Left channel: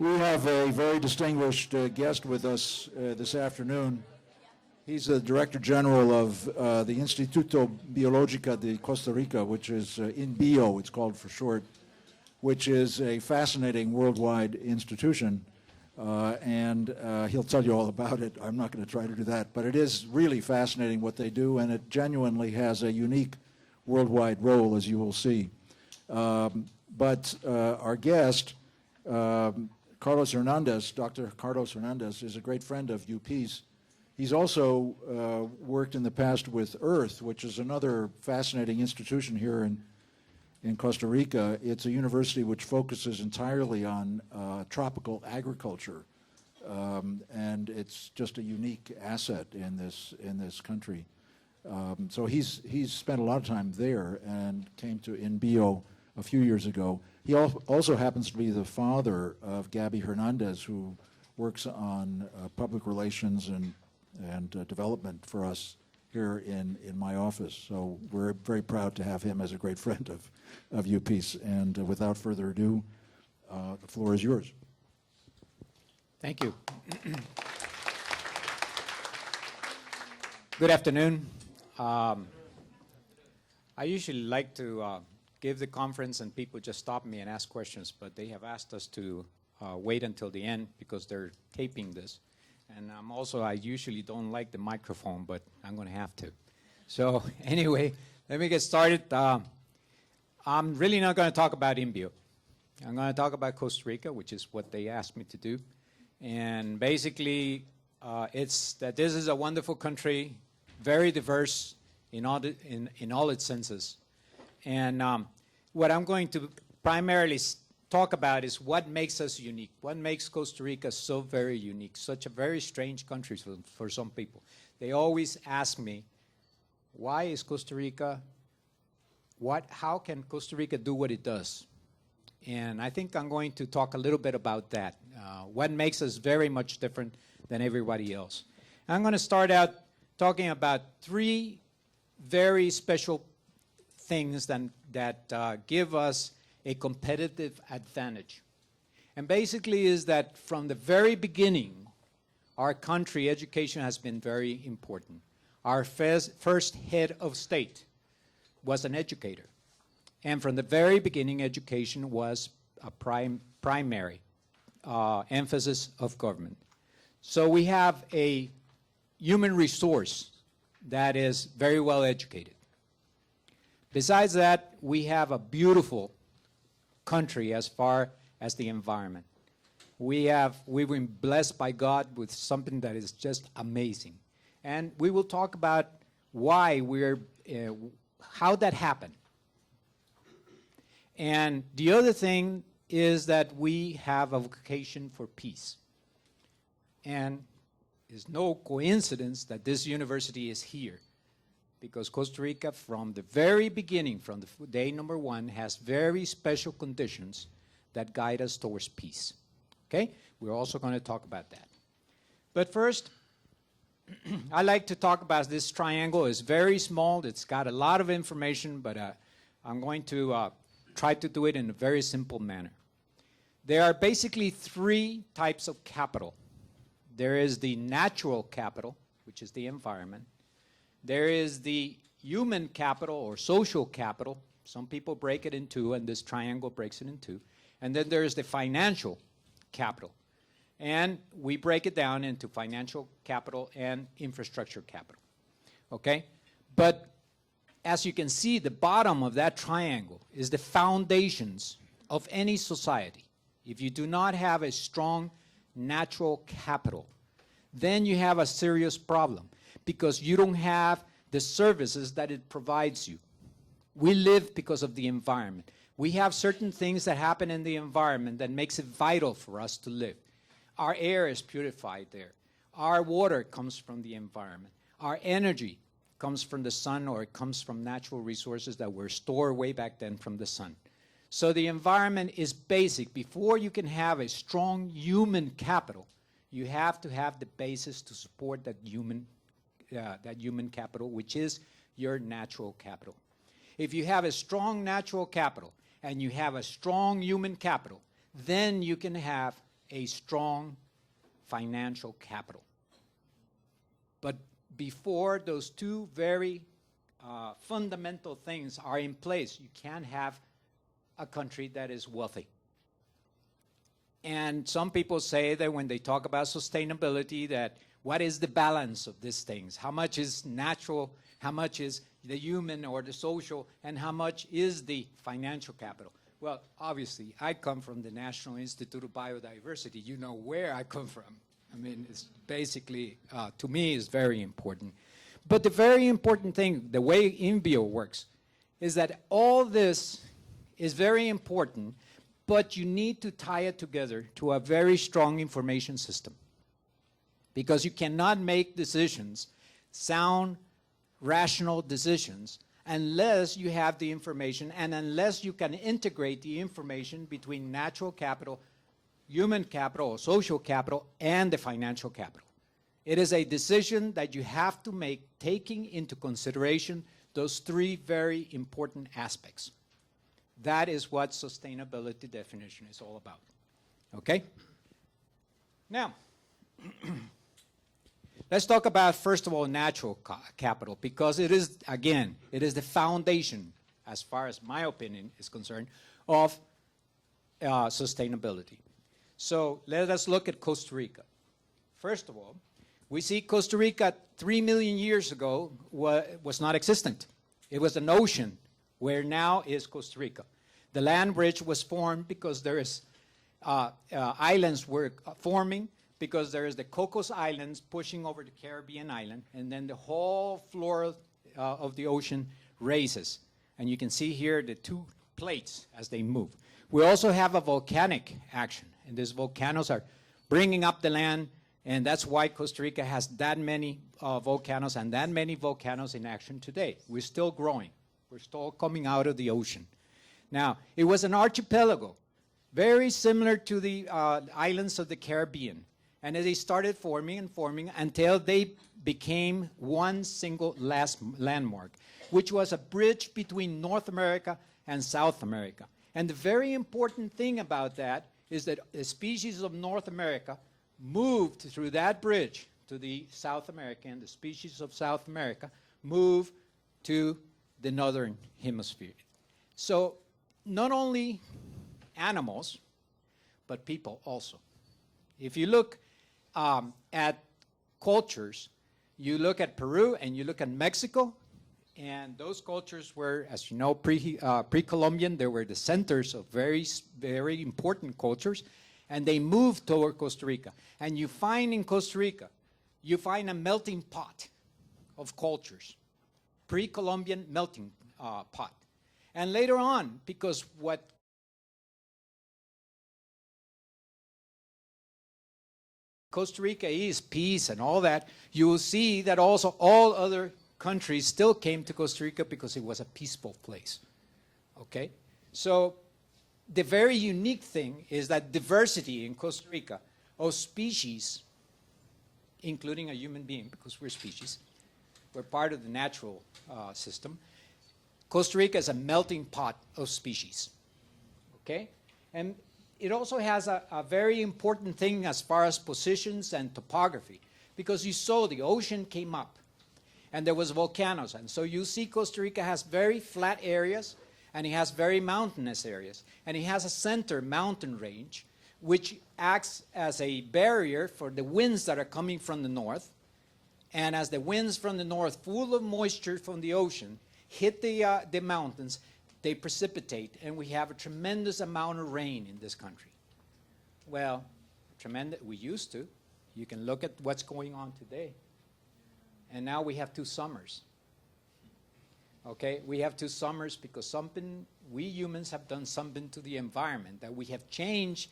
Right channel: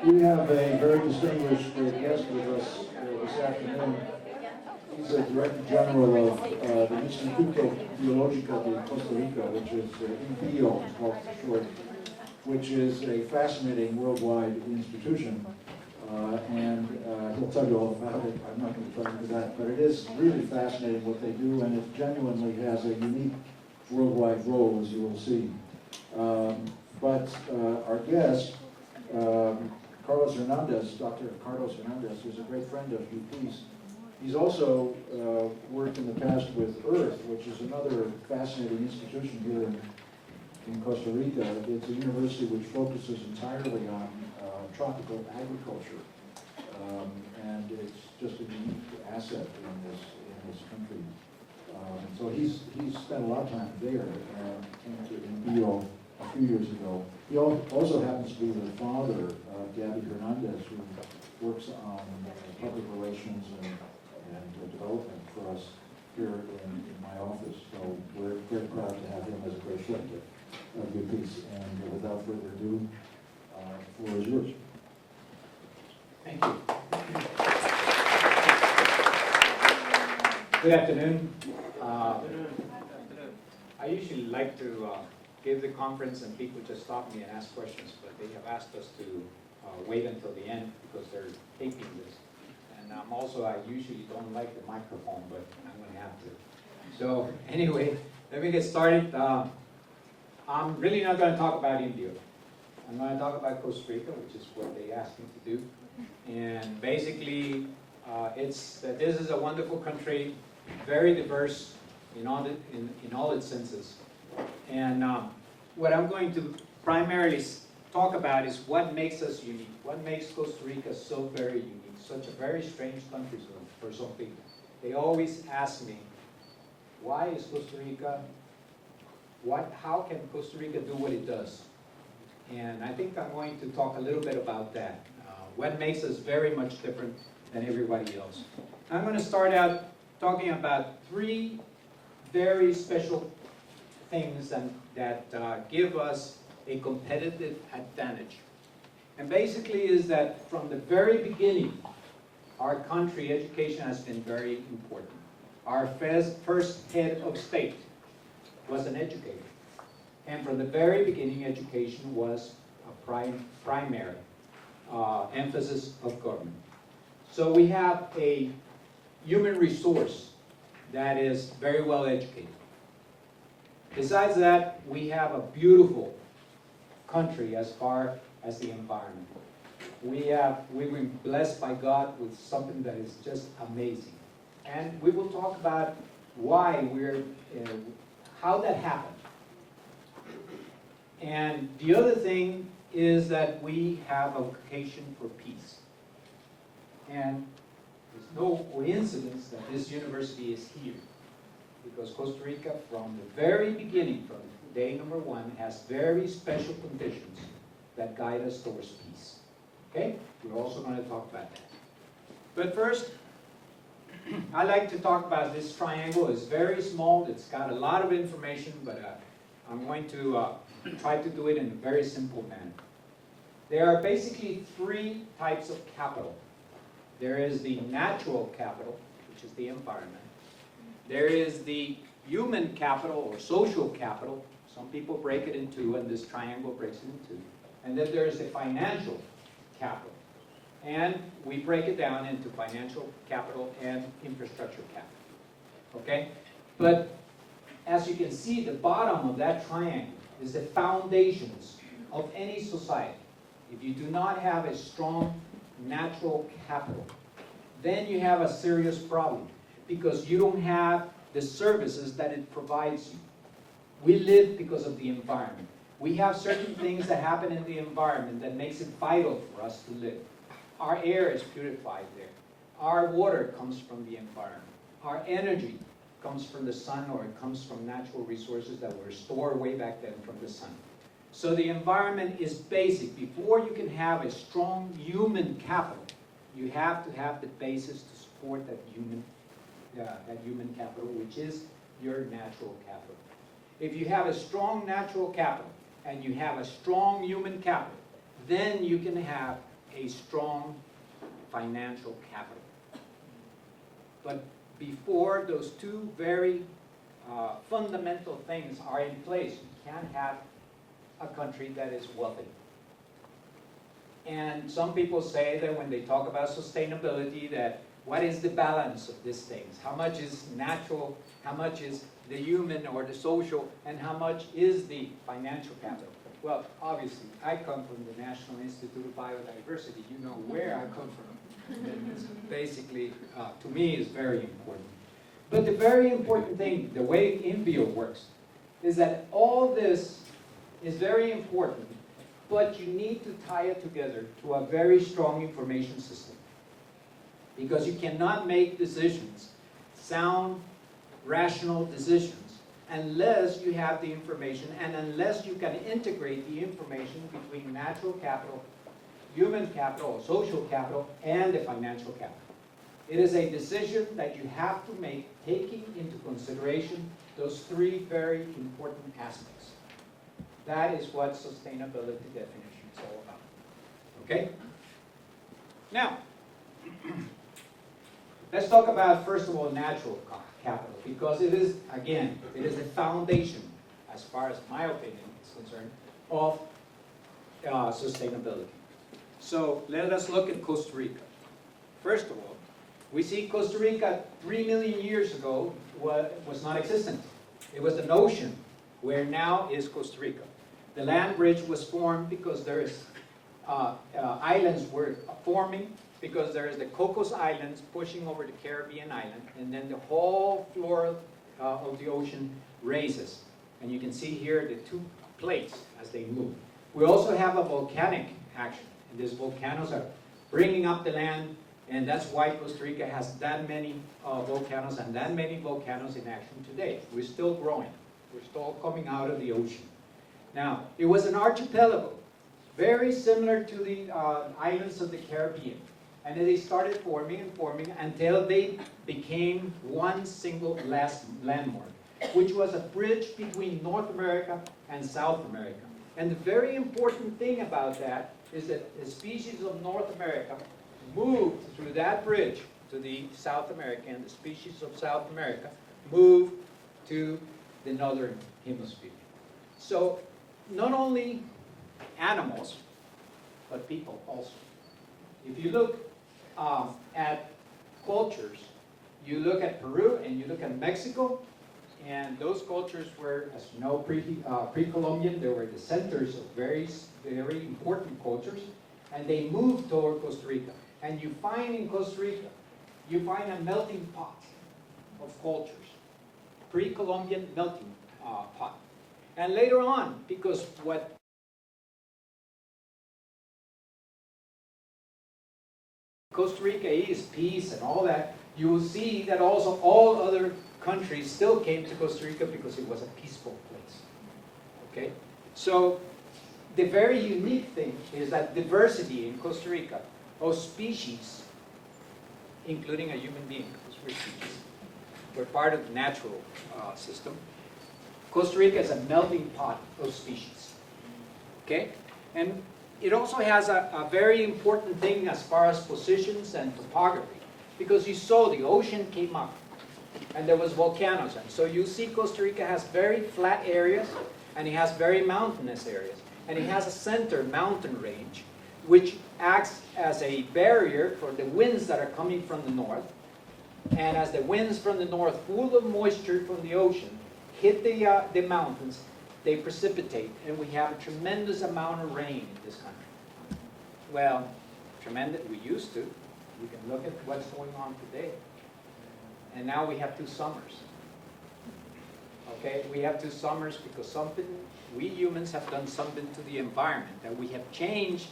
We have a very distinguished guest with us this afternoon. He's the Director General of the Instituto Biológico de Costa Rica, which is INBio, it's called for short, which is a fascinating worldwide institution. And he'll tell you all about it. I'm not going to try to do that. But it is really fascinating what they do, and it genuinely has a unique worldwide role, as you will see. But our guest, Carlos Hernández, Dr. Carlos Hernández, is a great friend of UP's. He's also worked in the past with Earth, which is another fascinating institution here in Costa Rica. It's a university which focuses entirely on tropical agriculture, and it's just a unique asset in this country. So he's spent a lot of time there and came to INBio a few years ago. He also happens to be the father of Gabby Hernandez, who works on public relations and development for us here in my office. So we're very proud to have him as a great friend of UP's. And without further ado, the floor is yours. Thank you. Good afternoon. I usually like to give the conference and people just stop me and ask questions, but they have asked us to wait until the end because they're taping this. And I usually don't like the microphone, but I'm going to have to. So anyway, let me get started. I'm really not going to talk about INBio. I'm going to talk about Costa Rica, which is what they asked me to do. And basically, it's that this is a wonderful country, very diverse in all its senses. And what I'm going to primarily talk about is what makes us unique, what makes Costa Rica so very unique, such a very strange country for some people. They always ask me, why is Costa Rica, how can Costa Rica do what it does? And I think I'm going to talk a little bit about that, what makes us very much different than everybody else. I'm going to start out talking about three very special things that give us a competitive advantage. And basically is that from the very beginning, our country, education has been very important. Our first head of state was an educator. And from the very beginning, education was a primary emphasis of government. So we have a human resource that is very well educated. Besides that, we have a beautiful country as far as the environment. We've been blessed by God with something that is just amazing. And we will talk about why how that happened. And the other thing is that we have a vocation for peace. And it's no coincidence that this university is here, because Costa Rica, from the very beginning, from the day number one, has very special conditions that guide us towards peace. Okay? We're also going to talk about that. But first, I like to talk about this triangle. It's very small. It's got a lot of information, but I'm going to try to do it in a very simple manner. There are basically three types of capital. There is the natural capital, which is the environment. There is the human capital or social capital. Some people break it in two, and this triangle breaks it in two. And then there's the financial capital. And we break it down into financial capital and infrastructure capital. Okay? But as you can see, the bottom of that triangle is the foundations of any society. If you do not have a strong natural capital, then you have a serious problem, because you don't have the services that it provides you. We live because of the environment. We have certain things that happen in the environment that makes it vital for us to live. Our air is purified there. Our water comes from the environment. Our energy comes from the sun, or it comes from natural resources that were stored way back then from the sun. So the environment is basic. Before you can have a strong human capital, you have to have the basis to support that human capital, which is your natural capital. If you have a strong natural capital and you have a strong human capital, then you can have a strong financial capital. But before those two very fundamental things are in place, you can't have a country that is wealthy. And some people say that when they talk about sustainability, that what is the balance of these things? How much is natural, how much is the human or the social, and how much is the financial capital? Well, obviously, I come from the National Institute of Biodiversity. You know where I come from. And it's basically, to me, is very important. But the very important thing, the way INBio works, is that all this is very important, but you need to tie it together to a very strong information system. Because you cannot make decisions, sound, rational decisions, unless you have the information and unless you can integrate the information between natural capital, human capital, or social capital, and the financial capital. It is a decision that you have to make taking into consideration those three very important aspects. That is what sustainability definition is all about. Okay? Now, let's talk about, first of all, natural capital, because it is, again, it is the foundation, as far as my opinion is concerned, of sustainability. So let us look at Costa Rica. First of all, we see Costa Rica 3 million years ago was not existent. It was an ocean, where now is Costa Rica. The land bridge was formed because there is islands were forming, because there is the Cocos Islands pushing over the Caribbean island, and then the whole floor of the ocean raises. And you can see here the two plates as they move. We also have a volcanic action, and these volcanoes are bringing up the land, and that's why Costa Rica has that many volcanoes and that many volcanoes in action today. We're still growing. We're still coming out of the ocean. Now, it was an archipelago, very similar to the islands of the Caribbean. And they started forming and forming until they became one single landmark, which was a bridge between North America and South America. And the very important thing about that is that the species of North America moved through that bridge to the South America, and the species of South America moved to the northern hemisphere. So not only animals, but people also. If you look at cultures, you look at Peru and you look at Mexico, and those cultures were, as you know, pre-Columbian. They were the centers of very, very important cultures, and they moved toward Costa Rica. And you find in Costa Rica, you find a melting pot of cultures, pre-Columbian melting pot. And later on, because what Costa Rica is, peace and all that, you will see that also all other countries still came to Costa Rica because it was a peaceful place. Okay? So the very unique thing is that diversity in Costa Rica of species, including a human being, because we're species, we're part of the natural system. Costa Rica is a melting pot of species. Okay? And it also has a very important thing as far as positions and topography, because you saw the ocean came up and there was volcanoes, and so you see Costa Rica has very flat areas and it has very mountainous areas, and it has a center mountain range which acts as a barrier for the winds that are coming from the north. And as the winds from the north, full of moisture from the ocean, hit the mountains, they precipitate, and we have a tremendous amount of rain in this country. Well, tremendous, we used to. You can look at what's going on today. And now we have 2 summers. Okay, we have 2 summers because something, we humans have done something to the environment, that we have changed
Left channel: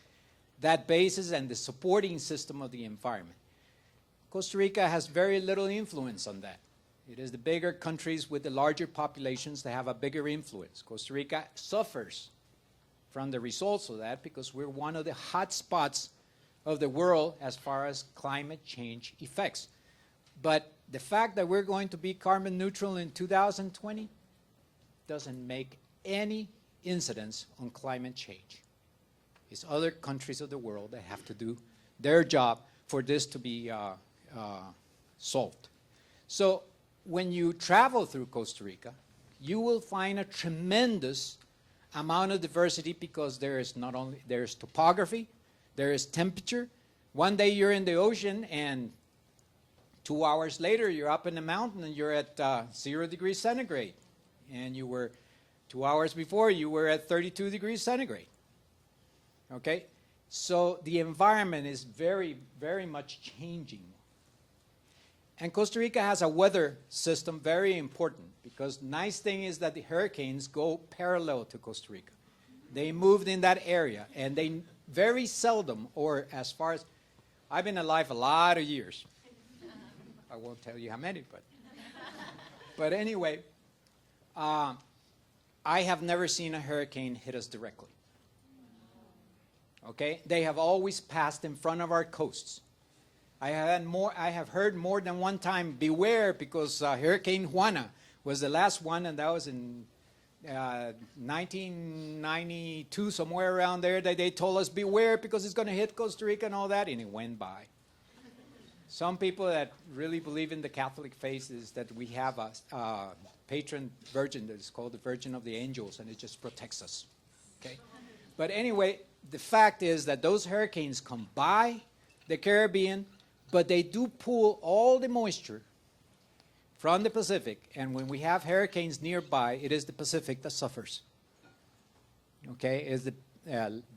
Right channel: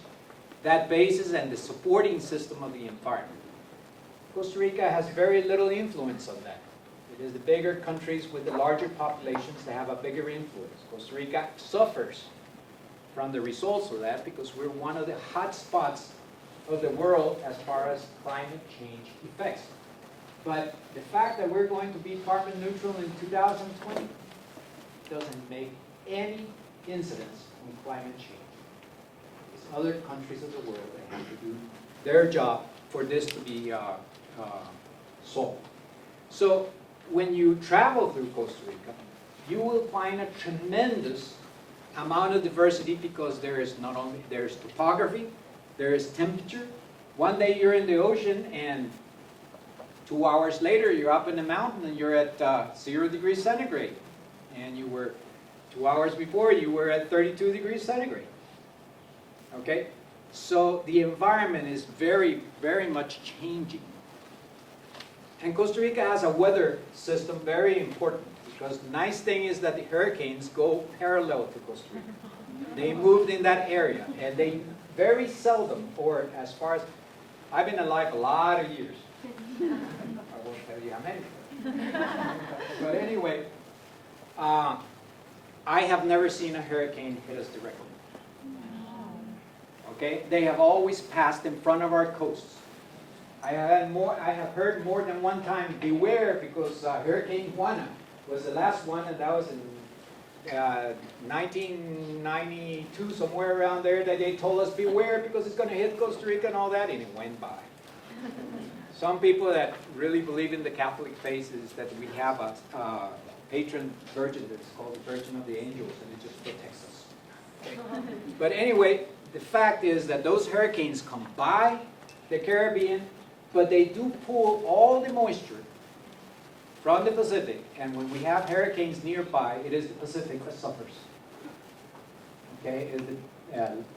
that basis and the supporting system of the environment. Costa Rica has very little influence on that. It is the bigger countries with the larger populations that have a bigger influence. Costa Rica suffers from the results of that because we're one of the hot spots of the world as far as climate change effects. But the fact that we're going to be carbon neutral in 2020 doesn't make any incidence on climate change. It's other countries of the world that have to do their job for this to be solved. So when you travel through Costa Rica, you will find a tremendous amount of diversity because there is not only, there's topography, there is temperature. One day you're in the ocean and 2 hours later you're up in the mountain and you're at 0 degrees centigrade. And you were, 2 hours before you were at 32 degrees centigrade. Okay? So the environment is very, very much changing. And Costa Rica has a weather system very important because the nice thing is that the hurricanes go parallel to Costa Rica. They moved in that area and they very seldom, or as far as, I've been alive a lot of years. I won't tell you how many, but anyway, I have never seen a hurricane hit us directly. Okay? They have always passed in front of our coasts. I have heard more than one time, beware, because Hurricane Juana was the last one, and that was in 1992, somewhere around there, that they told us, beware, because it's going to hit Costa Rica and all that, and it went by. Some people that really believe in the Catholic faith is that we have a patron virgin that is called the Virgin of the Angels, and it just protects us. Okay? But anyway, the fact is that those hurricanes come by the Caribbean, but they do pull all the moisture from the Pacific, and when we have hurricanes nearby, it is the Pacific that suffers. Okay, it's the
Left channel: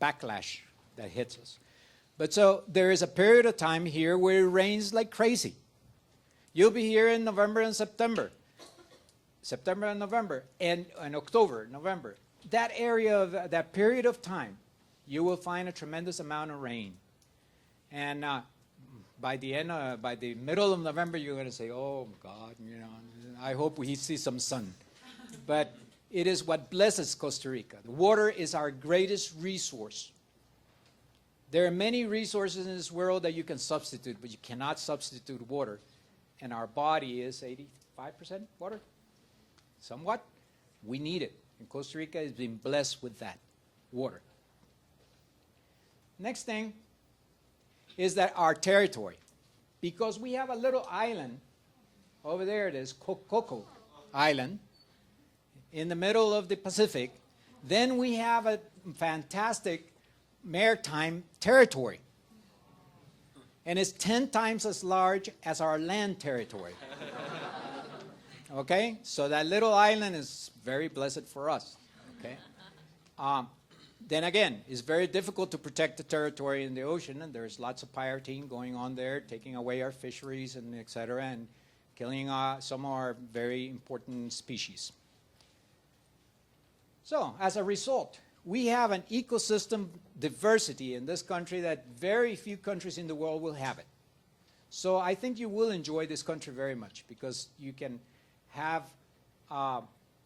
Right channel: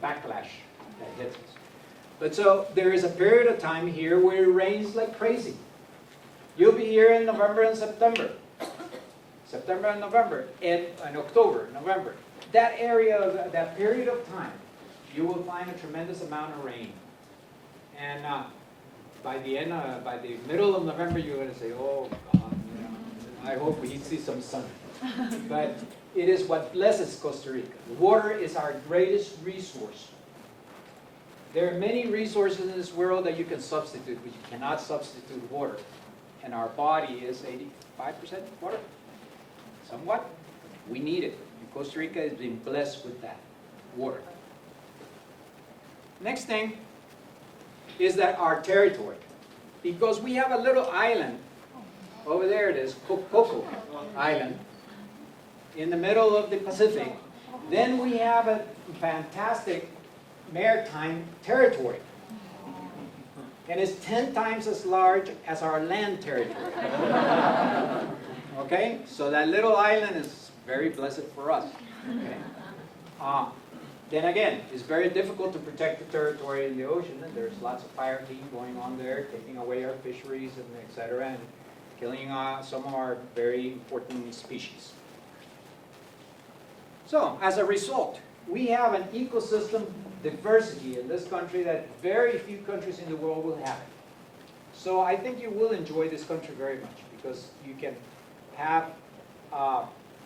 backlash that hits us. But so there is a period of time here where it rains like crazy. You'll be here in November and September. September and November, and October, November. That area, that period of time, you will find a tremendous amount of rain. And by the middle of November, you're going to say, oh God, you know, I hope we see some sun. But it is what blesses Costa Rica. Water is our greatest resource. There are many resources in this world that you can substitute, but you cannot substitute water. And our body is 85% water. Somewhat. We need it. And Costa Rica has been blessed with that, water. Next thing is that our territory. Because we have a little island, over there it is, Coco Island, in the middle of the Pacific. Then we have a fantastic maritime territory. And it's 10 times as large as our land territory. Okay? So that little island is very blessed for us. Okay? Then again, it's very difficult to protect the territory in the ocean, and there's lots of piracy going on there, taking away our fisheries, and etc., and killing some of our very important species. So, as a result, we have an ecosystem diversity in this country that very few countries in the world will have it. So I think you will enjoy this country very much because you can have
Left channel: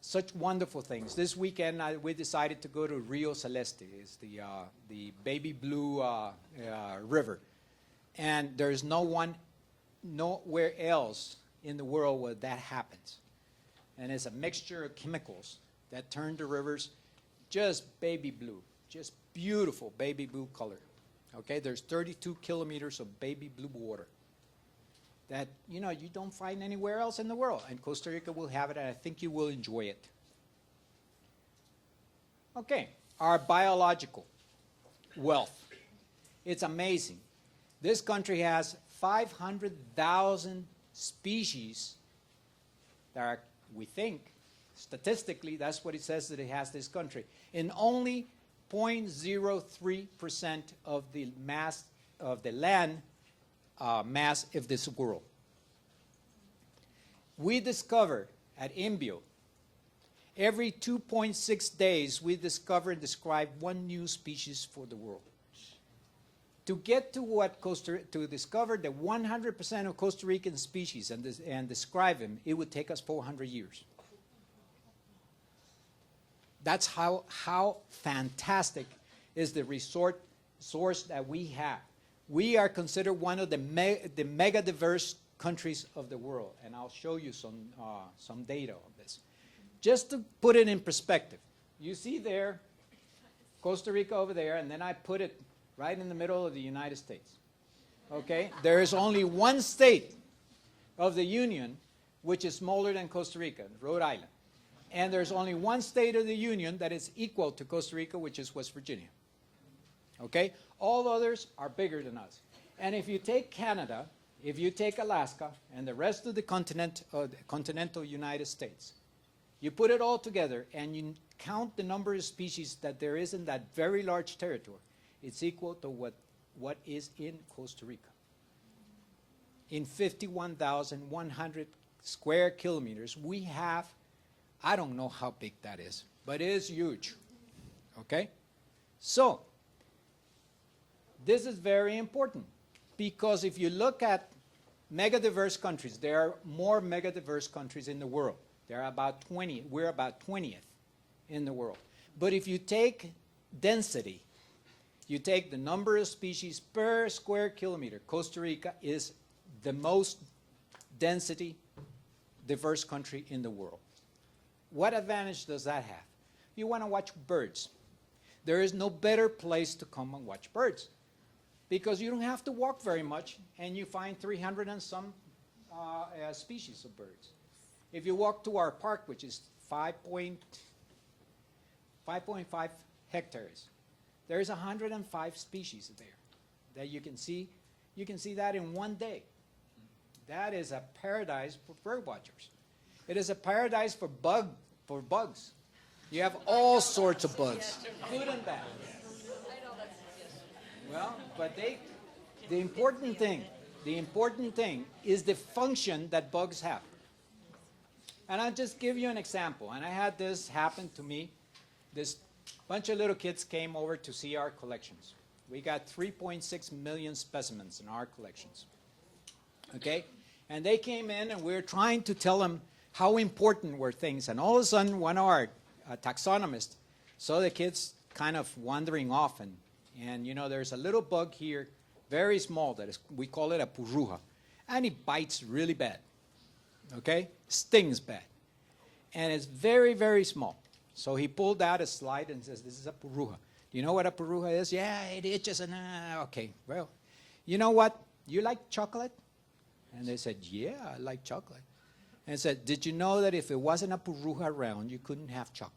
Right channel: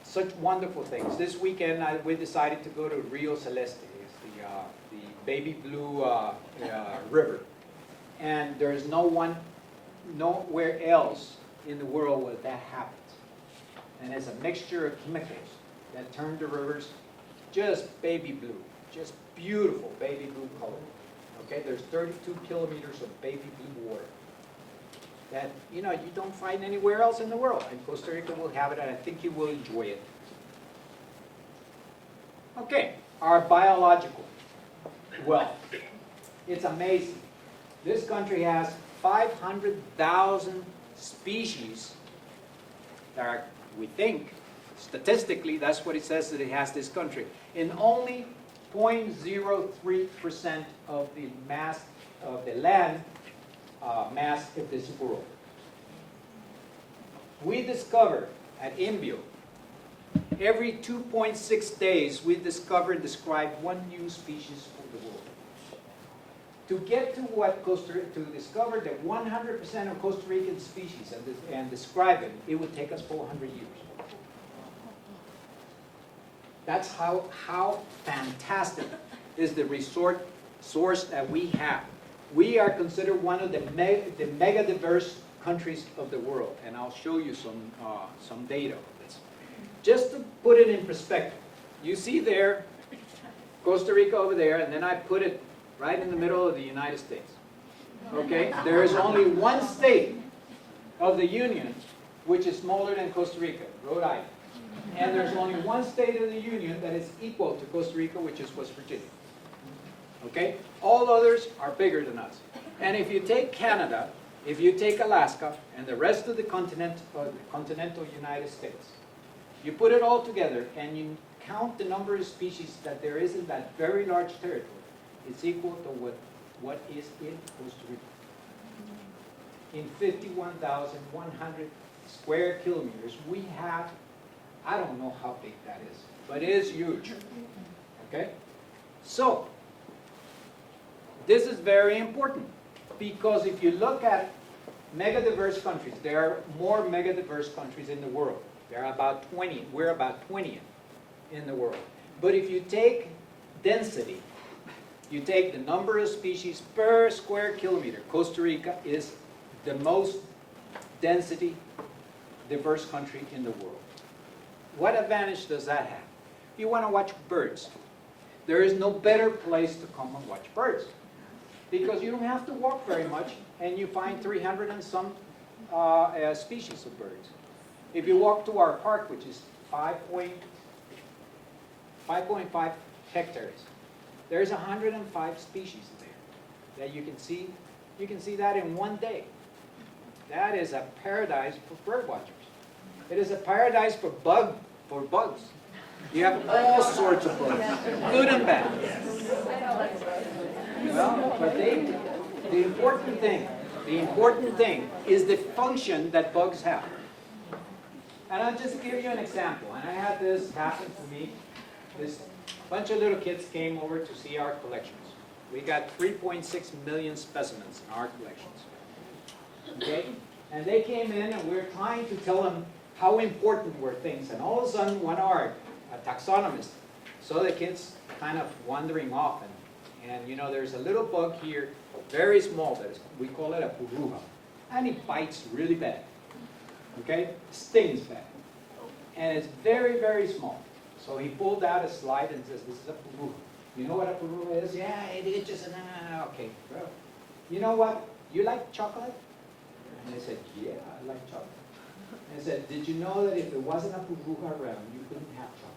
such wonderful things. This weekend we decided to go to Rio Celeste. It's the baby blue river. And there's nowhere else in the world where that happens. And it's a mixture of chemicals that turn the rivers just baby blue, just beautiful baby blue color. Okay, there's 32 kilometers of baby blue water that, you know, you don't find anywhere else in the world. And Costa Rica will have it, and I think you will enjoy it. Okay, our biological wealth. It's amazing. This country has 500,000 species that are, we think, statistically, that's what it says that it has, this country. In only 0.03% of the mass of the land mass of this world. We discover at INBIO, every 2.6 days we discover and describe one new species for the world. To get to what to discover the 100% of Costa Rican species and describe them, it would take us 400 years. That's how fantastic is the source that we have. We are considered one of the mega diverse countries of the world, and I'll show you some data on this. Just to put it in perspective, you see there Costa Rica over there, and then I put it right in the middle of the United States. Okay? There is only one state of the Union which is smaller than Costa Rica, Rhode Island. And there's only one state of the Union that is equal to Costa Rica, which is West Virginia. Okay? All others are bigger than us. And if you take Canada, if you take Alaska, and the rest of the continental United States, you put it all together and you count the number of species that there is in that very large territory, it's equal to what is in Costa Rica. In 51,100 square kilometers, we have, I don't know how big that is, but it is huge. Okay? So, this is very important, because if you look at megadiverse countries, there are more megadiverse countries in the world. There are about 20, we're about 20th in the world. But if you take density, you take the number of species per square kilometer, Costa Rica is the most density diverse country in the world. What advantage does that have? You want to watch birds. There is no better place to come and watch birds, because you don't have to walk very much and you find 300 and some species of birds. If you walk to our park, which is 5.5 hectares, there's 105 species there that you can see. You can see that in one day. That is a paradise for bird watchers. It is a paradise for bugs. You have all sorts of bugs, good and bad. Well, but the important thing is the function that bugs have. And I'll just give you an example. And I had this happen to me. This bunch of little kids came over to see our collections. We got 3.6 million specimens in our collections. Okay? And they came in and we were trying to tell them how important were things. And all of a sudden, one of our taxonomists saw the kids kind of wandering off. And you know, there's a little bug here, very small, that is, we call it a purruja. And it bites really bad. Okay? Stings bad. And it's very, very small. So he pulled out a slide and says, this is a purruja. You know what a purruja is? Yeah, it itches and okay. Well, you know what? You like chocolate? And they said, yeah, I like chocolate. And I said, did you know that if there wasn't a purruja around, you couldn't have chocolate?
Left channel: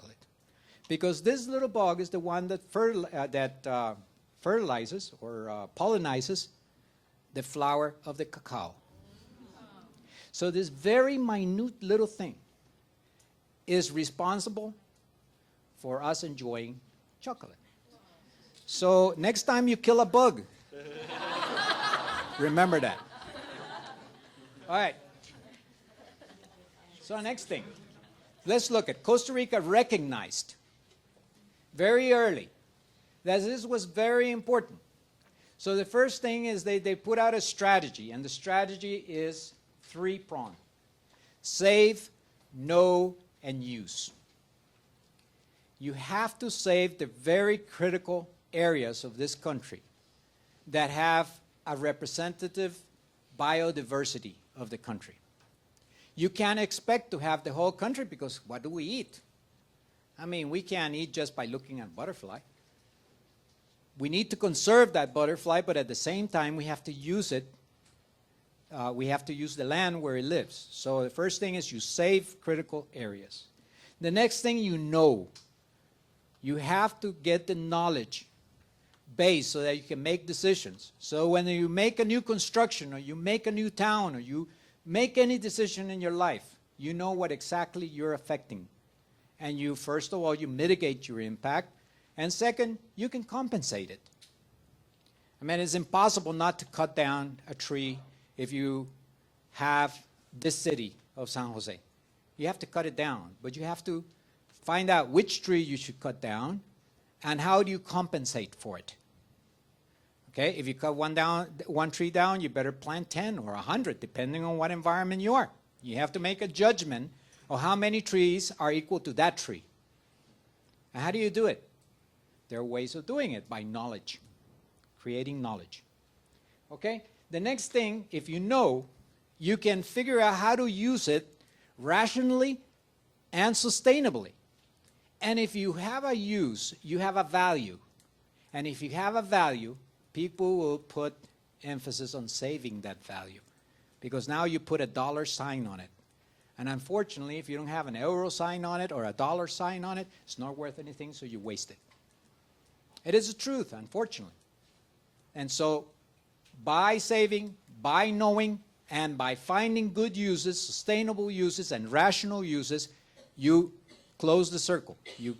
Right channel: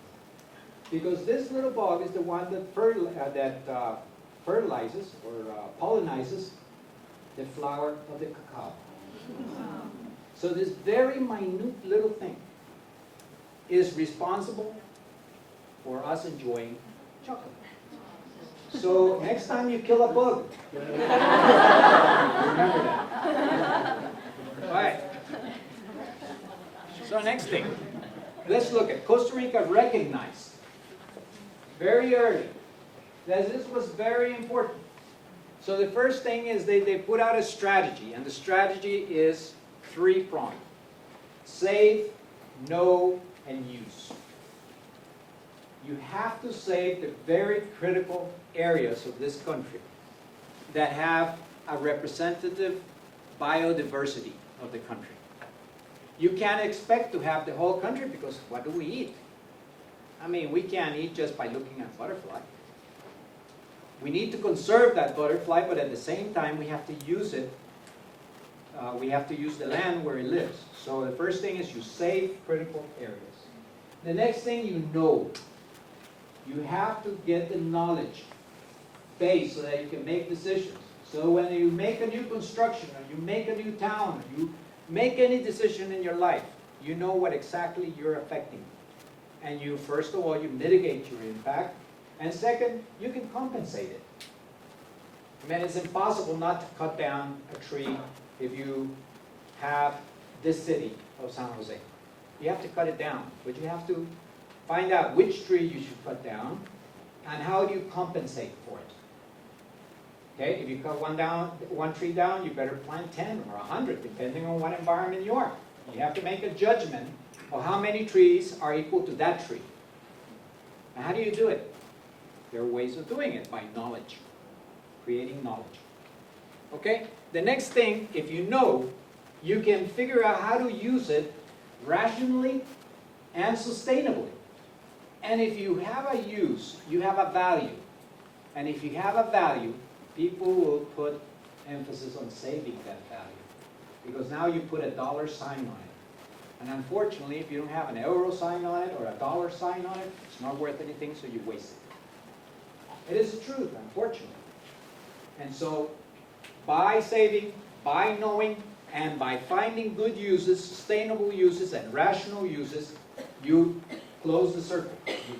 Because this little bug is the one that fertilizes or pollinizes the flower of the cacao. So this very minute little thing is responsible for us enjoying chocolate. So next time you kill a bug, remember that. All right. So next thing, let's look at Costa Rica recognized very early that this was very important. So the first thing is they put out a strategy, and the strategy is three-pronged: save, know, and use. You have to save the very critical areas of this country that have a representative biodiversity of the country. You can't expect to have the whole country, because what do we eat? I mean, we can't eat just by looking at butterfly. We need to conserve that butterfly, but at the same time we have to use it. We have to use the land where it lives. So the first thing is you save critical areas. The next thing, you know. You have to get the knowledge base so that you can make decisions. So when you make a new construction, or you make a new town, or you make any decision in your life, you know what exactly you're affecting. And you, first of all, you mitigate your impact. And second, you can compensate it. I mean, it's impossible not to cut down a tree if you have this city of San Jose. You have to cut it down, but you have to find out which tree you should cut down and how do you compensate for it. Okay, if you cut one tree down, you better plant 10 or 100, depending on what environment you are. You have to make a judgment of how many trees are equal to that tree. And how do you do it? There are ways of doing it, by knowledge, creating knowledge. Okay, the next thing, if you know, you can figure out how to use it rationally and sustainably. And if you have a use, you have a value. And if you have a value, people will put emphasis on saving that value. Because now you put a dollar sign on it. And unfortunately, if you don't have an euro sign on it or a dollar sign on it, it's not worth anything, so you waste it. It is the truth, unfortunately. And so, by saving, by knowing, and by finding good uses, sustainable uses, and rational uses, you close the circle. You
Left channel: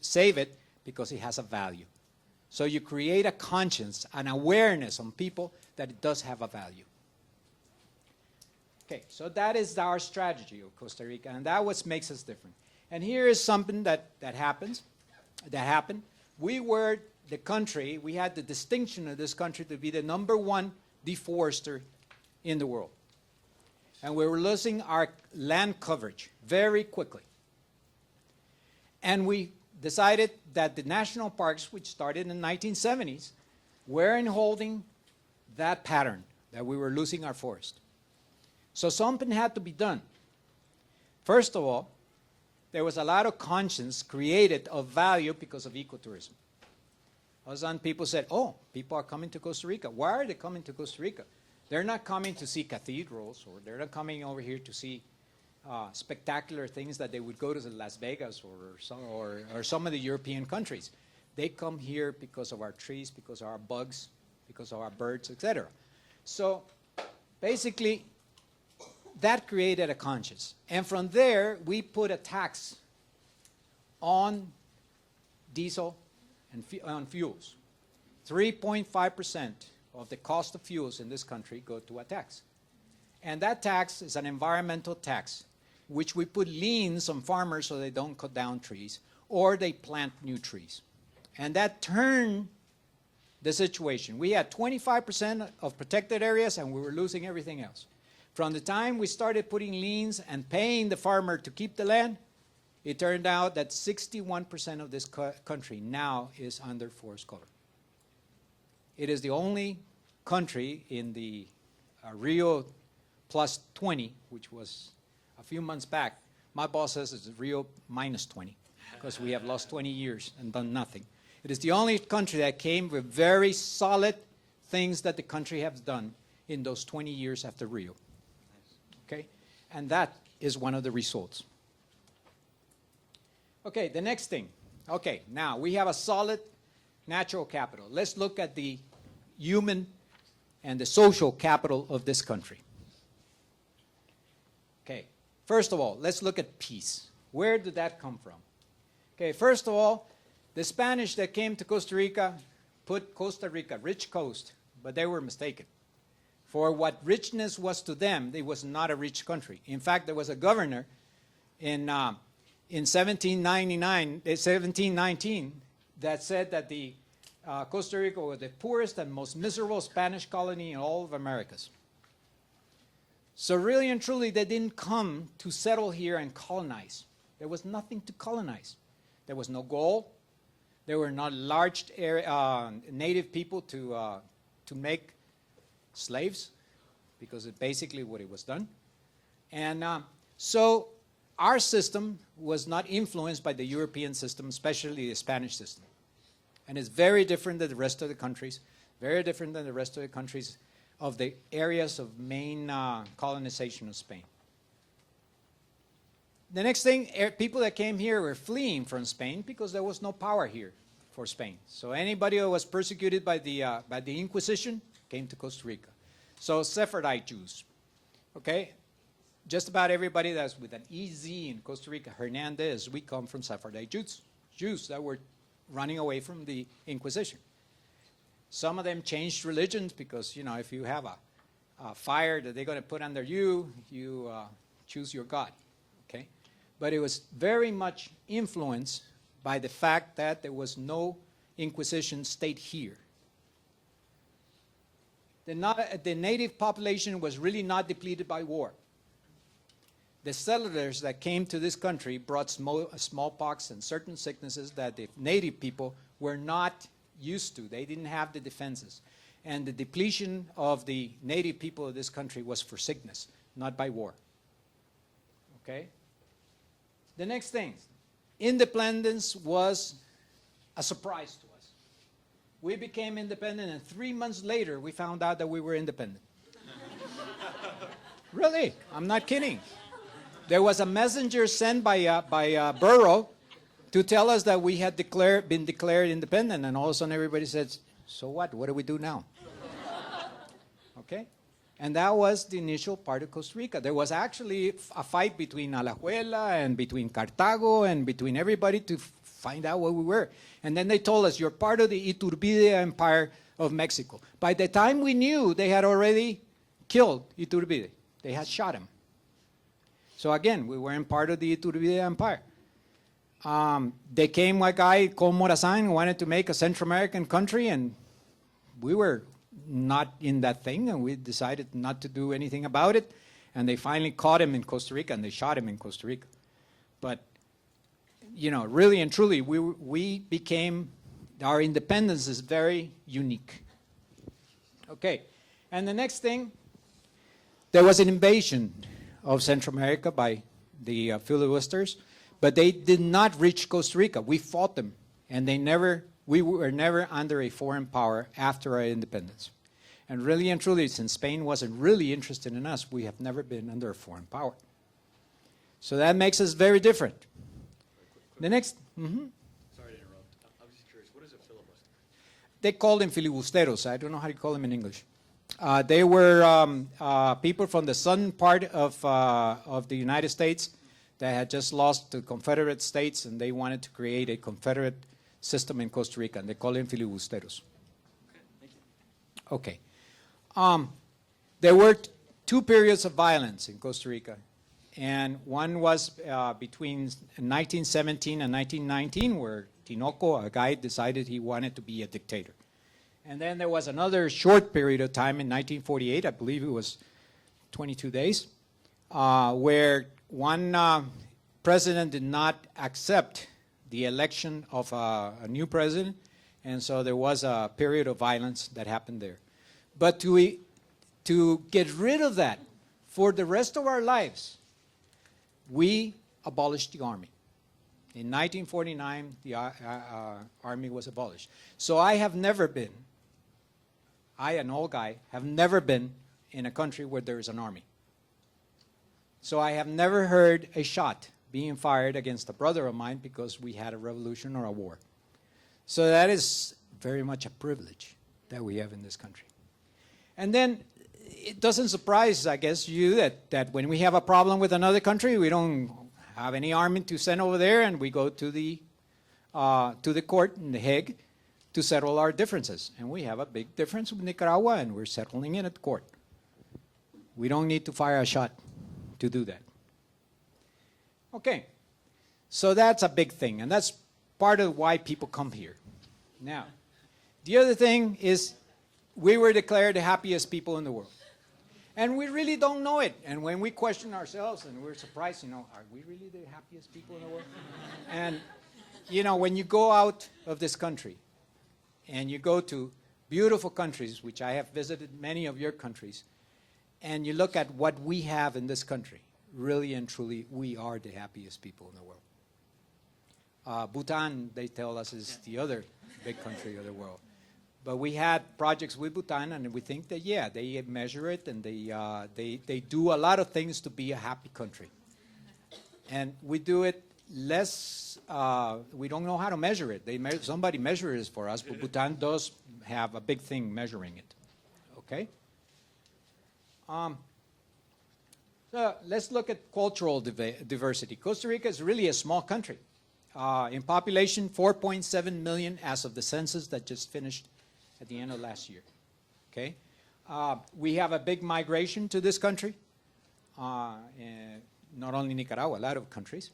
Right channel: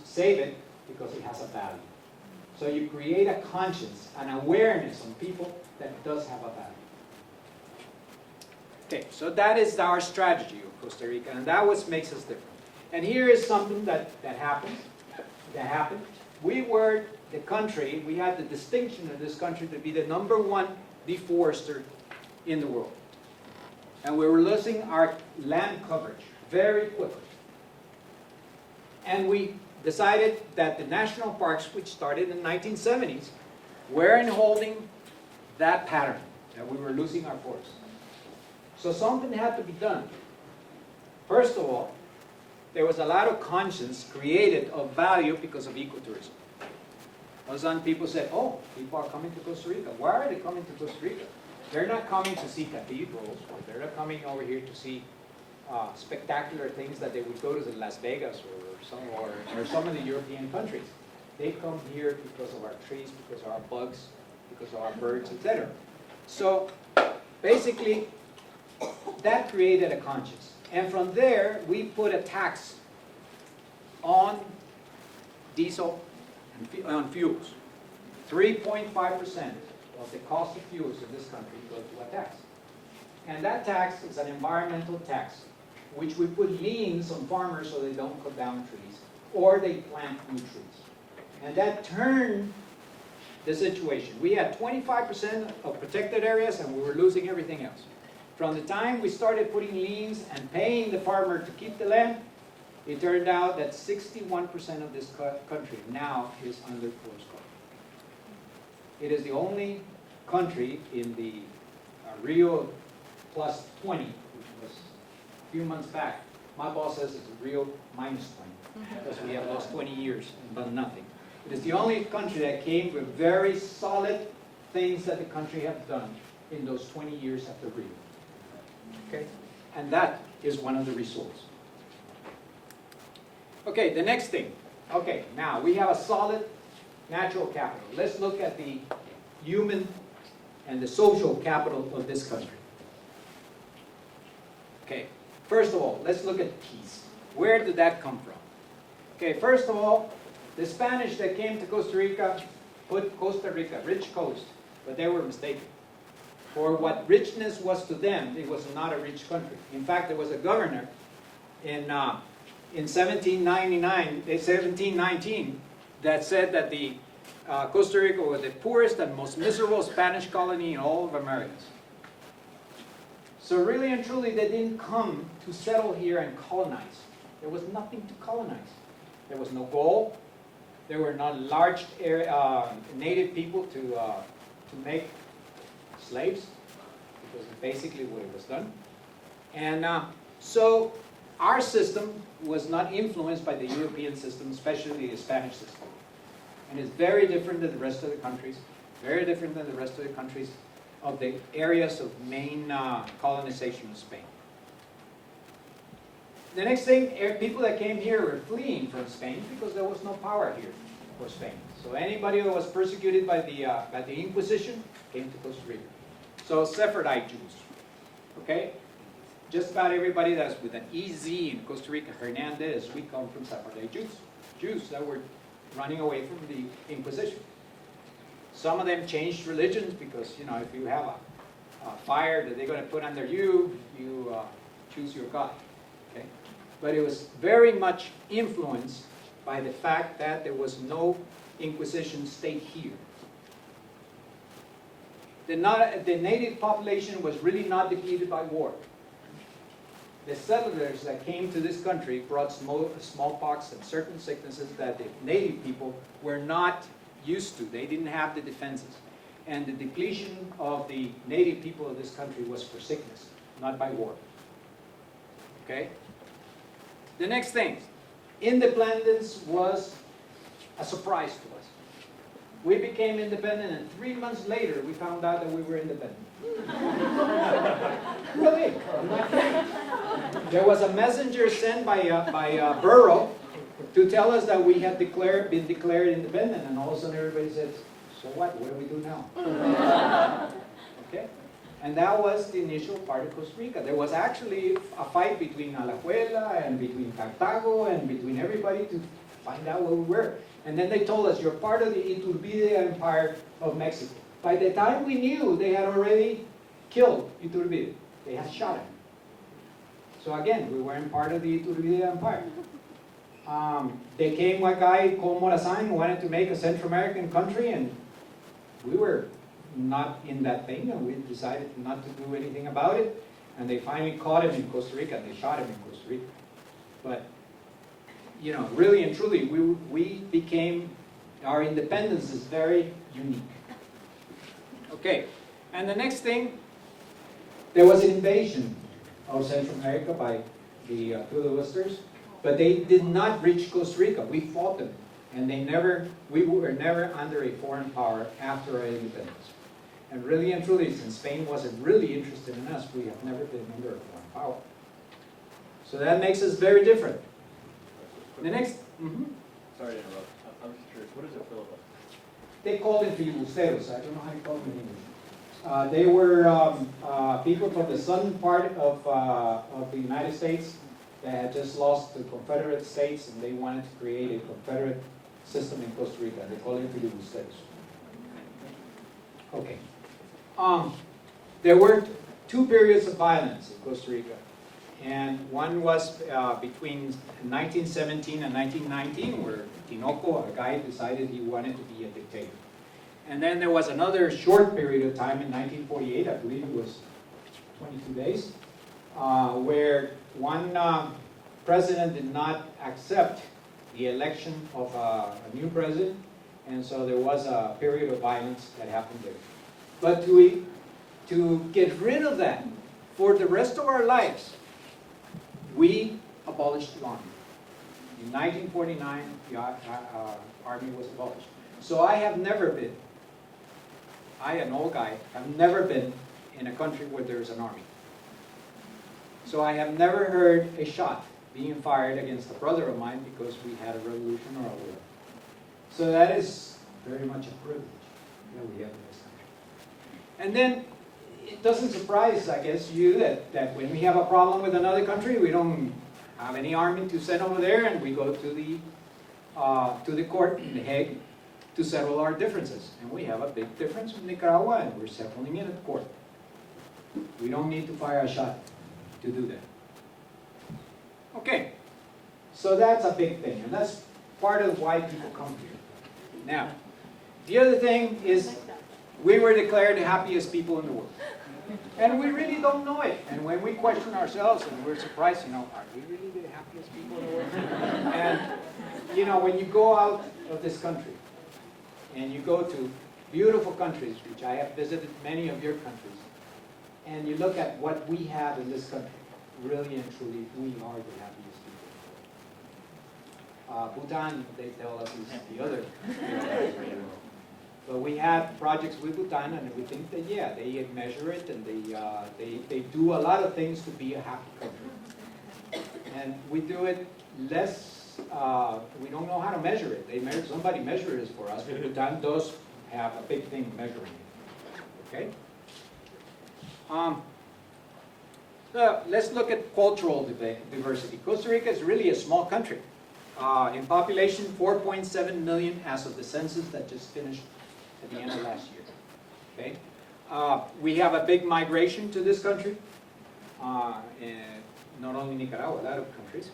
save it because it has a value. So you create a conscience, an awareness on people that it does have a value. Okay, so that is our strategy of Costa Rica, and that what makes us different. And here is something that happened. We were the country, we had the distinction of this country to be the #1 deforester in the world. And we were losing our land coverage very quickly. And we decided that the national parks, which started in the 1970s, weren't holding that pattern, that we were losing our forest. So something had to be done. First of all, there was a lot of conscience created of value because of ecotourism. All of a sudden people said, oh, people are coming to Costa Rica. Why are they coming to Costa Rica? They're not coming to see cathedrals, or they're not coming over here to see spectacular things that they would go to Las Vegas or some of the European countries. They come here because of our trees, because of our bugs, because of our birds, etc. So basically, that created a conscience. And from there, we put a tax on diesel and on fuels. 3.5% of the cost of fuels in this country go to a tax. And that tax is an environmental tax, which we put liens on farmers so they don't cut down trees, or they plant new trees. And that turned the situation. We had 25% of protected areas, and we were losing everything else. From the time we started putting liens and paying the farmer to keep the land, it turned out that 61% of this country now is under forest cover. It is the only country in the Rio plus 20, which was a few months back. My boss says it's Rio minus 20, because we have lost 20 years and done nothing. It is the only country that came with very solid things that the country has done in those 20 years after Rio. Okay? And that is one of the results. Okay, the next thing. Okay, now we have a solid natural capital. Let's look at the human and the social capital of this country. Okay, first of all, let's look at peace. Where did that come from? Okay, first of all, the Spanish that came to Costa Rica put Costa Rica, rich coast, but they were mistaken. For what richness was to them, it was not a rich country. In fact, there was a governor in 1719 that said that the Costa Rica was the poorest and most miserable Spanish colony in all of Americas. So really and truly, they didn't come to settle here and colonize. There was nothing to colonize. There was no gold. There were not large native people to make slaves, because it's basically what it was done. And so our system was not influenced by the European system, especially the Spanish system. And it's very different than the rest of the countries, very different than the rest of the countries of the areas of main colonization of Spain. The next thing, people that came here were fleeing from Spain because there was no power here for Spain. So anybody who was persecuted by the Inquisition came to Costa Rica. So Sephardite Jews, okay? Just about everybody that's with an EZ in Costa Rica, Hernández, we come from Sephardite Jews that were running away from the Inquisition. Some of them changed religions because, you know, if you have a fire that they're going to put under you, you choose your God, okay? But it was very much influenced by the fact that there was no Inquisition state here. The native population was really not depleted by war. The settlers that came to this country brought smallpox and certain sicknesses that the native people were not used to. They didn't have the defenses. And the depletion of the native people of this country was for sickness, not by war. Okay? The next thing, independence was a surprise to us. We became independent, and 3 months later, we found out that we were independent. Really, I'm not kidding. There was a messenger sent by Burrow to tell us that we had been declared independent, and all of a sudden everybody says, so what? What do we do now? Okay? And that was the initial part of Costa Rica. There was actually a fight between Alajuela and between Cartago and between everybody to find out what we were. And then they told us, you're part of the Iturbide Empire of Mexico. By the time we knew, they had already killed Iturbide. They had shot him. So again, we weren't part of the Iturbide Empire. They came a guy called Morazan who wanted to make a Central American country, and we were not in that thing, and we decided not to do anything about it. And they finally caught him in Costa Rica, and they shot him in Costa Rica. But, you know, really and truly, we became, our independence is very unique. Okay, and the next thing, there was an invasion of Central America by the Filibusters, but they did not reach Costa Rica. We fought them, and we were never under a foreign power after our independence. And really and truly, since Spain wasn't really interested in us, we have never been under a foreign power. So that makes us very different. The next... Sorry to interrupt. I'm just curious, what is a filibuster? They called them filibusteros. I don't know how you call them in English. They were people from the southern part of the United States that had just lost the Confederate States, and they wanted to create a Confederate system in Costa Rica. They call them filibusteros. Okay. There were two periods of violence in Costa Rica, and one was between 1917 and 1919, where Tinoco, a guy, decided he wanted to be a dictator. And then there was another short period of time in 1948, I believe it was 22 days, where one president did not accept the election of a new president, and so there was a period of violence that happened there. But to get rid of that for the rest of our lives, we abolished the army. In 1949, the army was abolished. So I have never been, I, an old guy, have never been in a country where there is an army. So I have never heard a shot being fired against a brother of mine because we had a revolution or a war. So that is very much a privilege that we have in this country. And then it doesn't surprise, I guess, you that when we have a problem with another country, we don't have any army to send over there, and we go to the court in The Hague to settle our differences. And we have a big difference with Nicaragua, and we're settling it at court. We don't need to fire a shot to do that. Okay, so that's a big thing, and that's part of why people come here. Now, the other thing is we were declared the happiest people in the world. And we really don't know it. And when we question ourselves, and we're surprised, are we really the happiest people in the world? And, when you go out of this country, and you go to beautiful countries, which I have visited many of your countries, and you look at what we have in this country, really and truly, we are the happiest people in the world. Bhutan, they tell us, is the other big country in the world. But we had projects with Bhutan, and we think that, yeah, they measure it, and they do a lot of things to be a happy country. And we do it less, we don't know how to measure it. Somebody measures it for us, but Bhutan does have a big thing measuring it. Okay? So let's look at cultural diversity. Costa Rica is really a small country. In population, 4.7 million as of the census that just finished at the end of last year. Okay, we have a big migration to this country, not only Nicaragua, a lot of countries.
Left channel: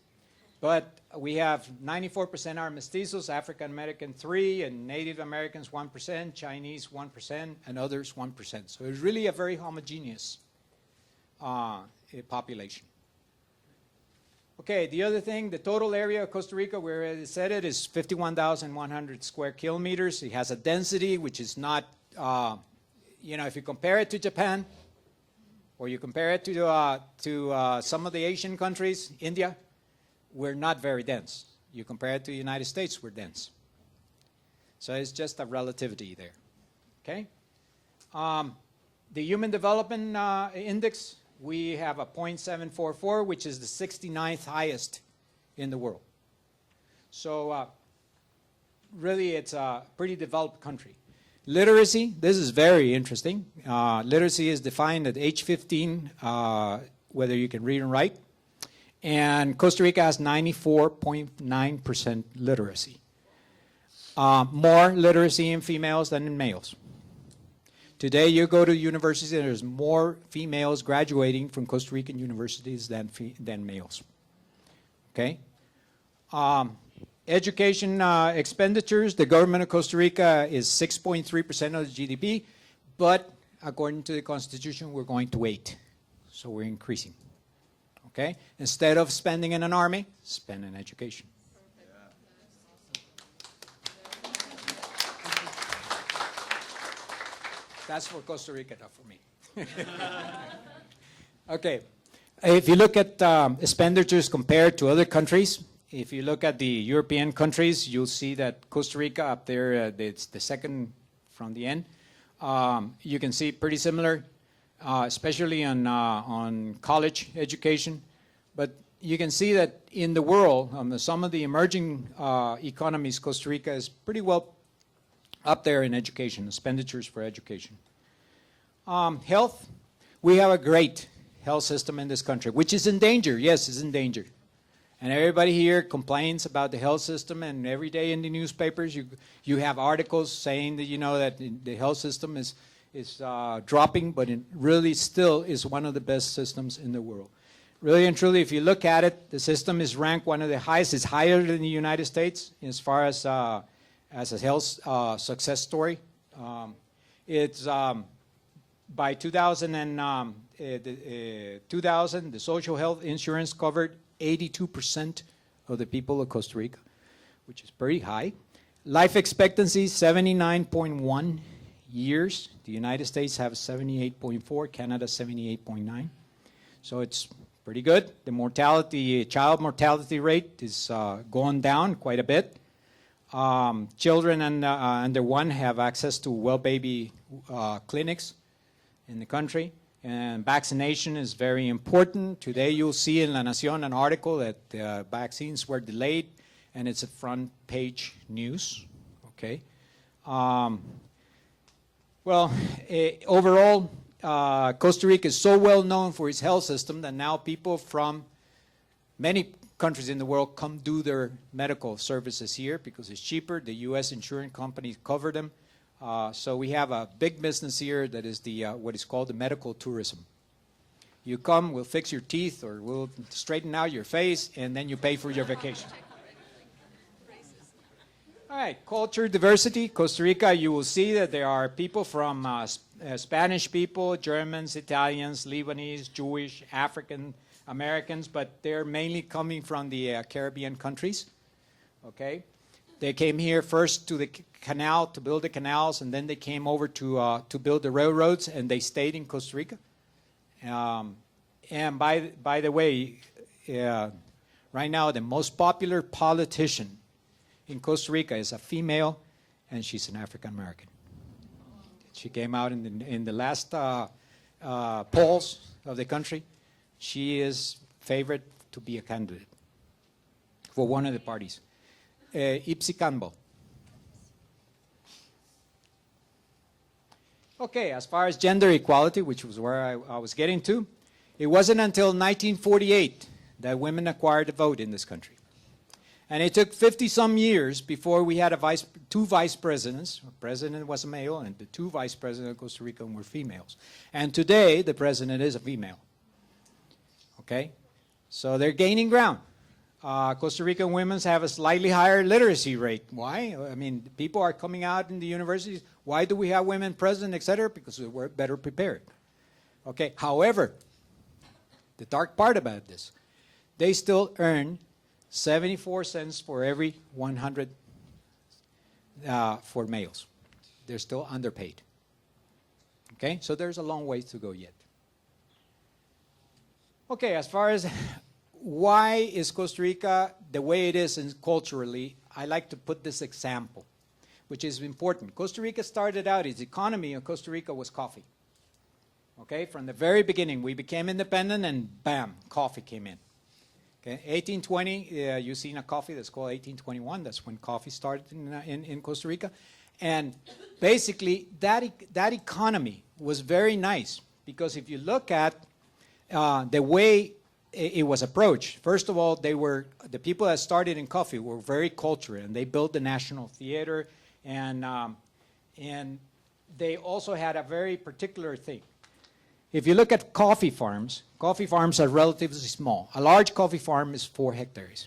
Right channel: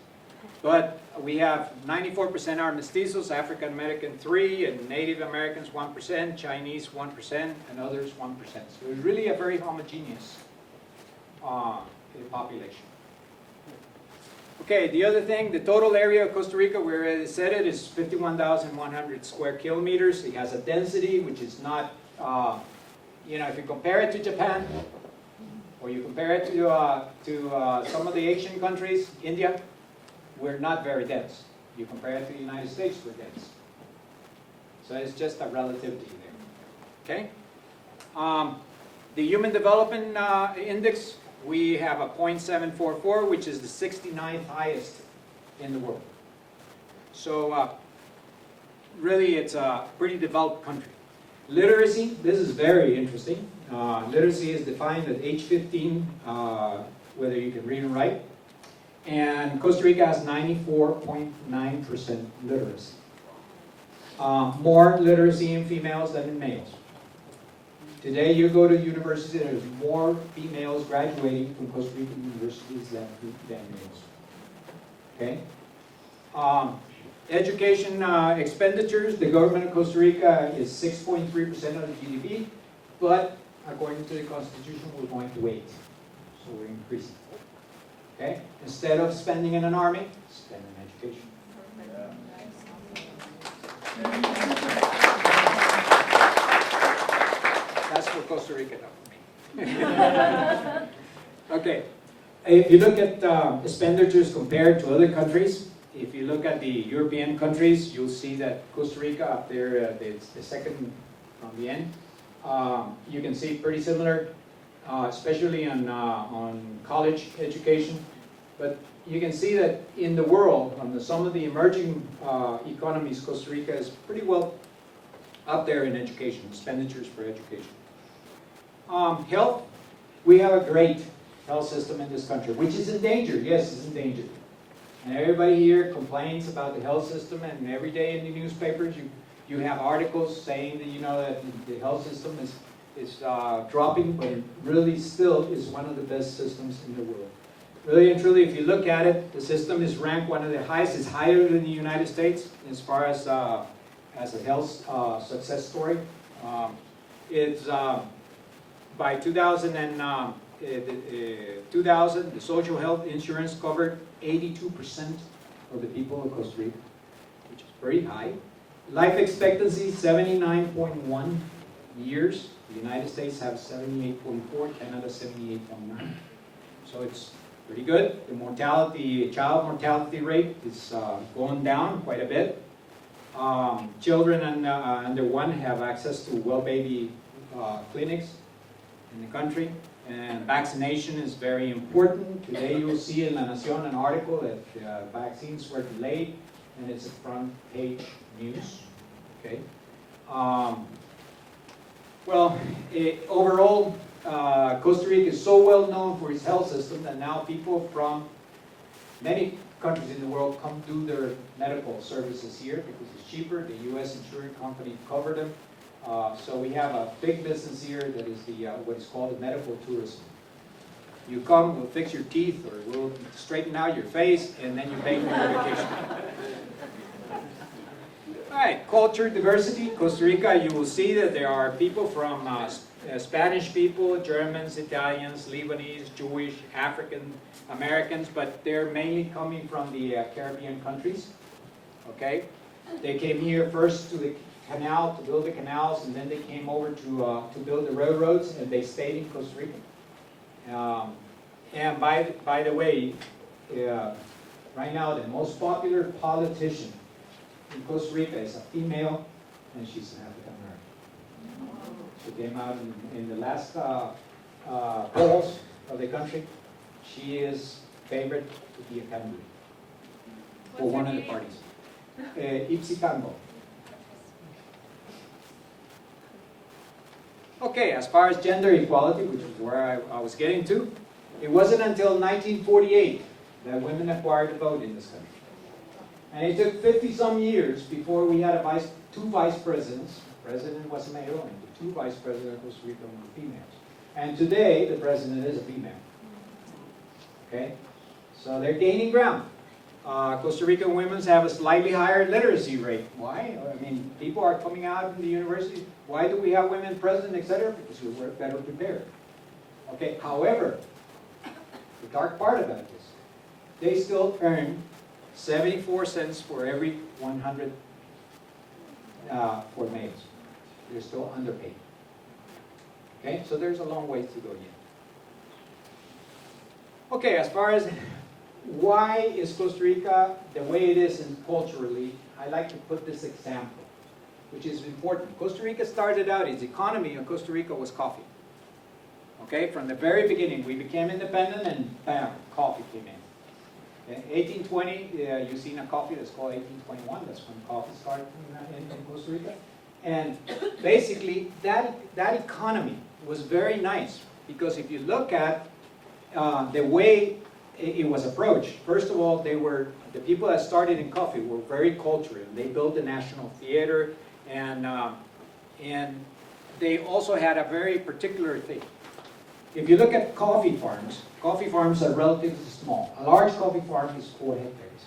But we have 94% are mestizos, African American 3%, and Native Americans 1%, Chinese 1%, and others 1%. So it's really a very homogeneous population. Okay, the other thing, the total area of Costa Rica, where it said it, is 51,100 square kilometers. It has a density which is not, if you compare it to Japan, or you compare it to some of the Asian countries, India, we're not very dense. You compare it to the United States, we're dense. So it's just a relativity there, okay? The Human Development Index, we have a 0.744, which is the 69th highest in the world. So really it's a pretty developed country. Literacy, this is very interesting. Literacy is defined at age 15, whether you can read and write. And Costa Rica has 94.9% literacy. More literacy in females than in males. Today you go to universities, there's more females graduating from Costa Rican universities than males. Okay? Education expenditures, the government of Costa Rica is 6.3% of the GDP, but according to the Constitution, we're going to 8%. So we're increasing. Okay? Instead of spending in an army, spend in education. That's for Costa Rica, not for me. Okay. If you look at expenditures compared to other countries, if you look at the European countries, you'll see that Costa Rica up there, it's the second from the end. You can see pretty similar, especially on college education. But you can see that in the world, some of the emerging economies, Costa Rica is pretty well up there in education, expenditures for education. Health, we have a great health system in this country, which is in danger. Yes, it's in danger. And everybody here complains about the health system, and every day in the newspapers you have articles saying that, you know, that the health system is dropping, but it really still is one of the best systems in the world. Really and truly, if you look at it, the system is ranked one of the highest. It's higher than the United States as far as a health success story. It's by 2000, the social health insurance covered 82% of the people of Costa Rica, which is pretty high. Life expectancy, 79.1 years. The United States have 78.4, Canada 78.9. So it's pretty good. The mortality, child mortality rate is going down quite a bit. Children under 1 have access to well baby clinics in the country. And vaccination is very important. Today you'll see in La Nación an article that vaccines were delayed, and it's a front page news. Okay. Overall, Costa Rica is so well known for its health system that now people from many countries in the world come do their medical services here because it's cheaper. The U.S. insurance companies cover them. So we have a big business here that is the what is called the medical tourism. You come, we'll fix your teeth, or we'll straighten out your face, and then you pay for your vacation. All right, culture diversity. Costa Rica, you will see that there are people from Spanish people, Germans, Italians, Lebanese, Jewish, African Americans, but they're mainly coming from the Caribbean countries. Okay, they came here first to the canal to build the canals, and then they came over to build the railroads, and they stayed in Costa Rica. And by the way, right now the most popular politician in Costa Rica is a female, and she's an African American. She came out in the last polls of the country. She is favored to be a candidate for one of the parties. Ipsi Cambo. Okay, as far as gender equality, which was where I was getting to, it wasn't until 1948 that women acquired the vote in this country. And it took 50-some years before we had two vice presidents. The president was a male, and the two vice presidents of Costa Rica were females. And today, the president is a female. Okay? So they're gaining ground. Costa Rican women have a slightly higher literacy rate. Why? I mean, people are coming out in the universities. Why do we have women president, etc.? Because we're better prepared. Okay. However, the dark part about this, they still earn 74 cents for every 100 for males. They're still underpaid. Okay. So there's a long way to go yet. Okay. As far as why is Costa Rica the way it is culturally, I like to put this example, which is important. Costa Rica started out, its economy in Costa Rica was coffee. Okay, from the very beginning, we became independent and bam, coffee came in. Okay, 1820, you've seen a coffee that's called 1821. That's when coffee started in Costa Rica. And basically, that economy was very nice because if you look at the way it was approached, first of all, the people that started in coffee were very cultural, and they built the National Theater, and they also had a very particular thing. If you look at coffee farms are relatively small. A large coffee farm is 4 hectares.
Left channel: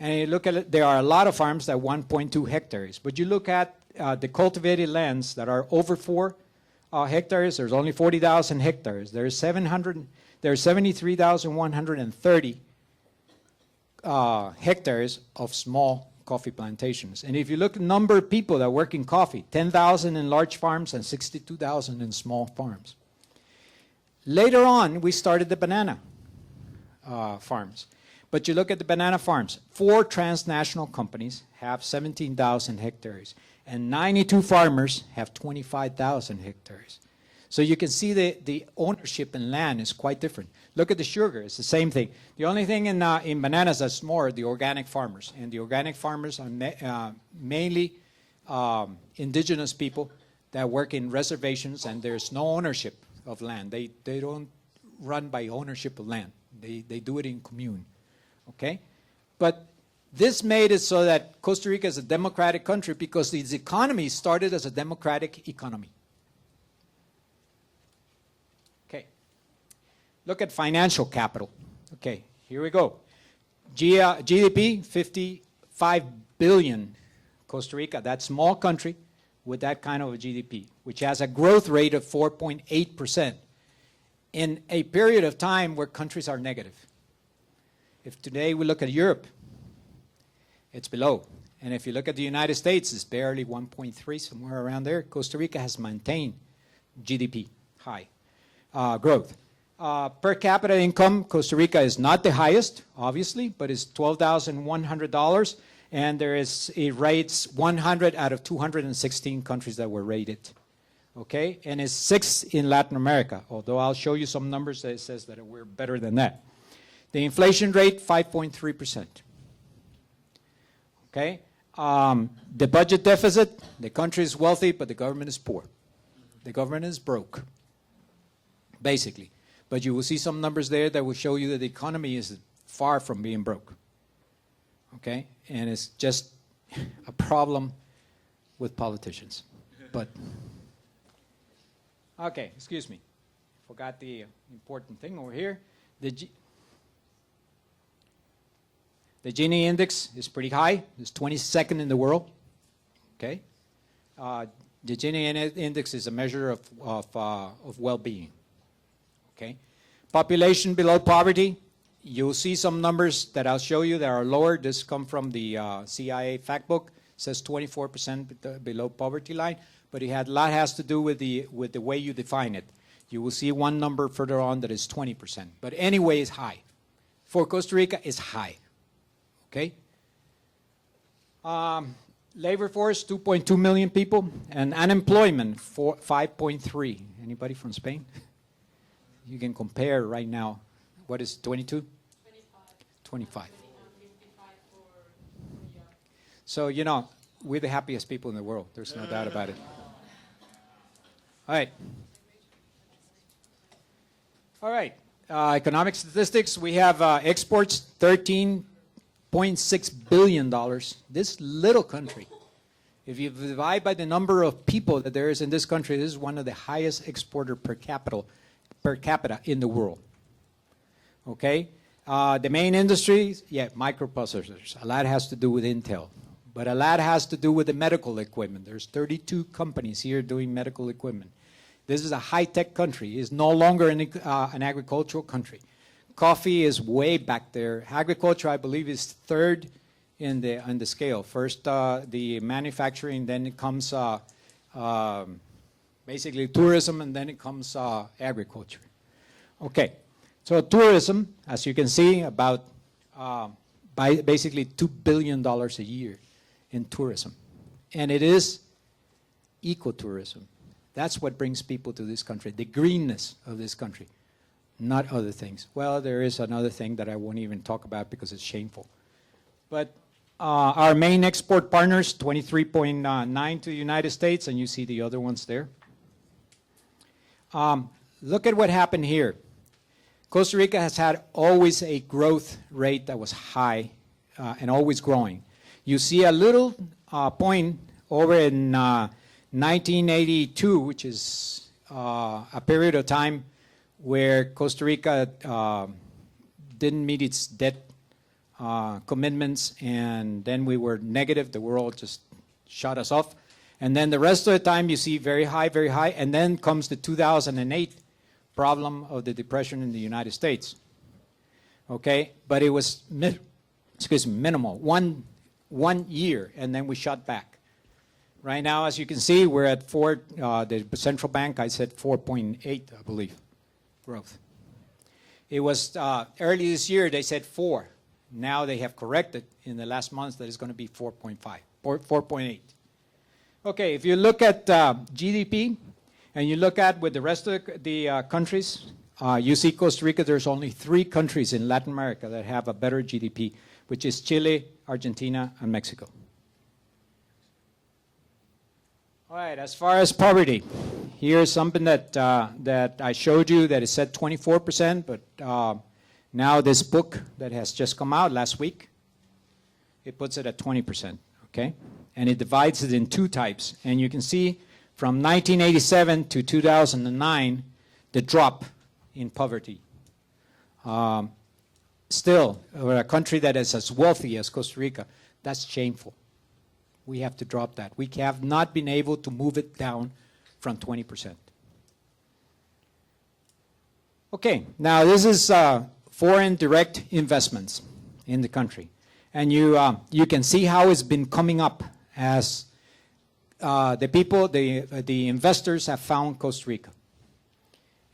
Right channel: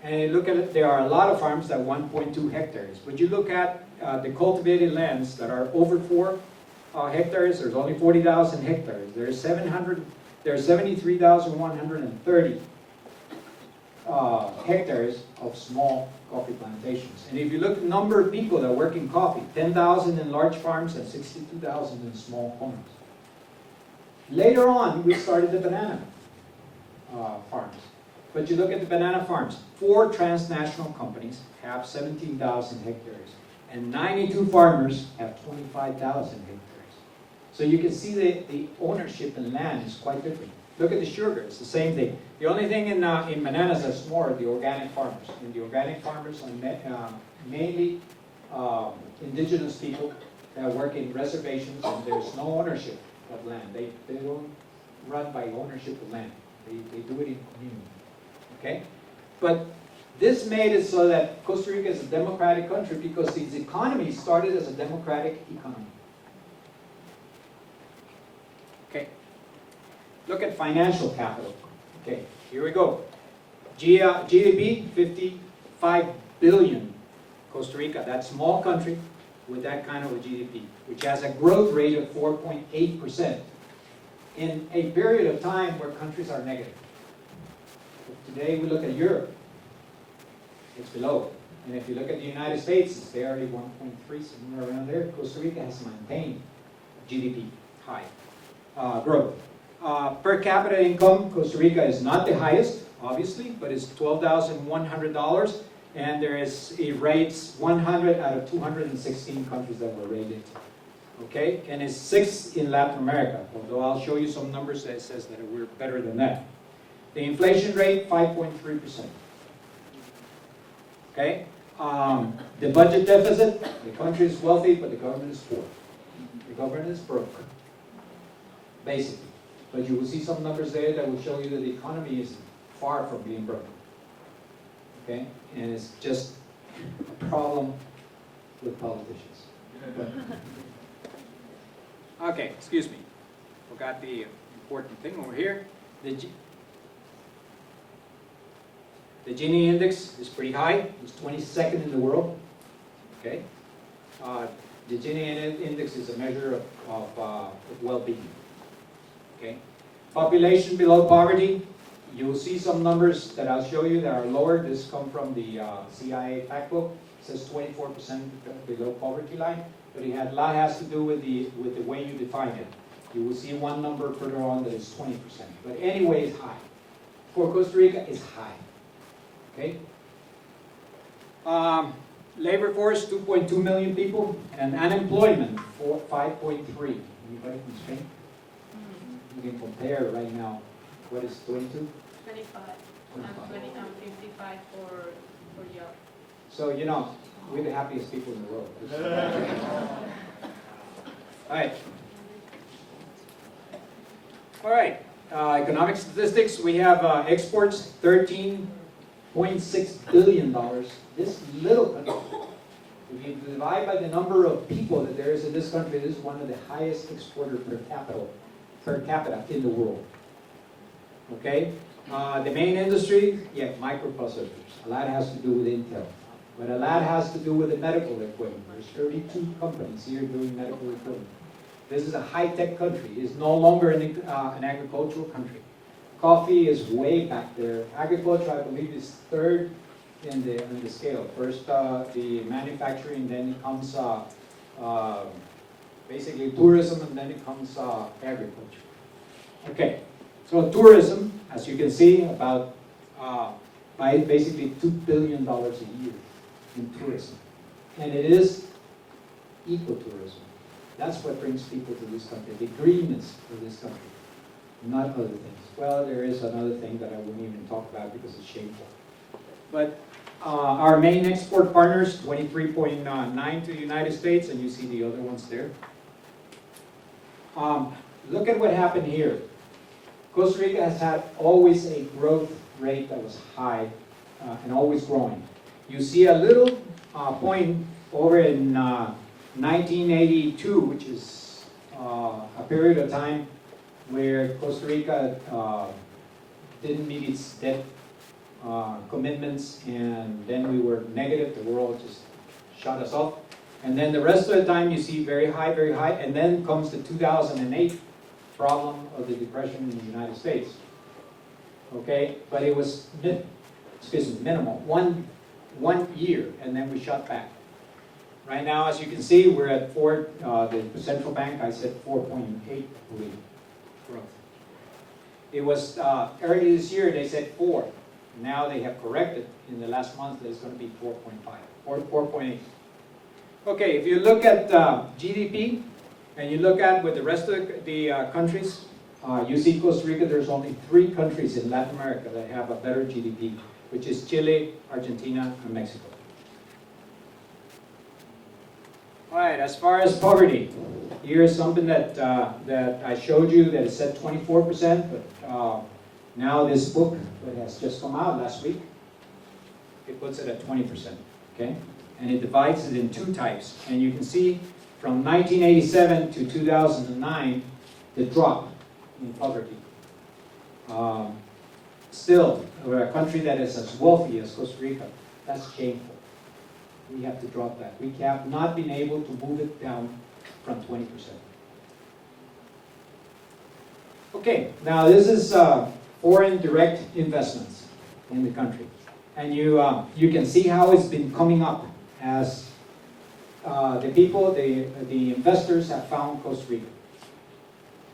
And you look at it, there are a lot of farms that are 1.2 hectares. But you look at the cultivated lands that are over 4 hectares, there's only 40,000 hectares. There's 73,130 hectares of small coffee plantations. And if you look at the number of people that work in coffee, 10,000 in large farms and 62,000 in small farms. Later on, we started the banana farms. But you look at the banana farms, 4 transnational companies have 17,000 hectares, and 92 farmers have 25,000 hectares. So you can see the ownership in land is quite different. Look at the sugar, it's the same thing. The only thing in bananas that's more are the organic farmers. And the organic farmers are mainly indigenous people that work in reservations, and there's no ownership of land. They don't run by ownership of land. They do it in commune. Okay? But this made it so that Costa Rica is a democratic country because its economy started as a democratic economy. Okay. Look at financial capital. Okay, here we go. GDP, 55 billion. Costa Rica, that small country with that kind of a GDP, which has a growth rate of 4.8% in a period of time where countries are negative. If today we look at Europe, it's below. And if you look at the United States, it's barely 1.3, somewhere around there. Costa Rica has maintained GDP high growth. Per capita income, Costa Rica is not the highest, obviously, but it's $12,100. And it rates 100 out of 216 countries that were rated. Okay, and it's 6th in Latin America, although I'll show you some numbers that says that we're better than that. The inflation rate, 5.3%. Okay, the budget deficit, the country is wealthy, but the government is poor. The government is broke, basically. But you will see some numbers there that will show you that the economy is far from being broke. Okay, and it's just a problem with politicians. But okay, excuse me, forgot the important thing over here. The Gini index is pretty high. It's 22nd in the world. Okay, the Gini index is a measure of well-being. Okay, population below poverty. You will see some numbers that I'll show you that are lower. This come from the CIA fact book. It says 24% below poverty line, but a lot has to do with the way you define it. You will see one number further on that is 20%. But anyway, it's high. For Costa Rica, it's high. Okay. Labor force, 2.2 million people, and unemployment, 5.3. Anybody from Spain? You can compare right now. What is 22? 25. 55 for Europe. So, you know, we're the happiest people in the world. There's no doubt about it. All right. Economic statistics. We have exports, $13.6 billion. This little country, if you divide by the number of people that there is in this country, this is one of the highest exporter per capita in the world. Okay? The main industries, microprocessors. A lot has to do with Intel. But a lot has to do with the medical equipment. There's 32 companies here doing medical equipment. This is a high-tech country. It's no longer an agricultural country. Coffee is way back there. Agriculture, I believe, is 3rd in the scale. First, the manufacturing, then it comes basically tourism, and then it comes agriculture. Okay. So tourism, as you can see, about basically $2 billion a year in tourism. And it is ecotourism. That's what brings people to this country, the greenness of this country, not other things. Well, there is another thing that I won't even talk about because it's shameful. But our main export partners, 23.9 to the United States, and you see the other ones there. Look at what happened here. Costa Rica has had always a growth rate that was high and always growing. You see a little point over in 1982, which is a period of time where Costa Rica didn't meet its debt commitments, and then we were negative. The world just shut us off. And then the rest of the time you see very high, and then comes the 2008 problem of the depression in the United States. Okay, but it was minimal, one year, and then we shot back. Right now, as you can see, we're at 4. The central bank, I said 4.8, I believe, growth. It was early this year they said 4. Now they have corrected in the last month that it's going to be 4.5, 4.8. Okay, if you look at GDP, and you look at with the rest of the countries, you see Costa Rica, there's only 3 countries in Latin America that have a better GDP, which is Chile, Argentina, and Mexico. All right, as far as poverty, here's something that I showed you that is set 24%, but now this book that has just come out last week, it puts it at 20%, okay? And it divides it in 2 types, and you can see from 1987 to 2009, the drop in poverty. Still, we're a country that is as wealthy as Costa Rica. That's shameful. We have to drop that. We have not been able to move it down from 20%. Okay, now this is foreign direct investments in the country. And you can see how it's been coming up as the investors have found Costa Rica.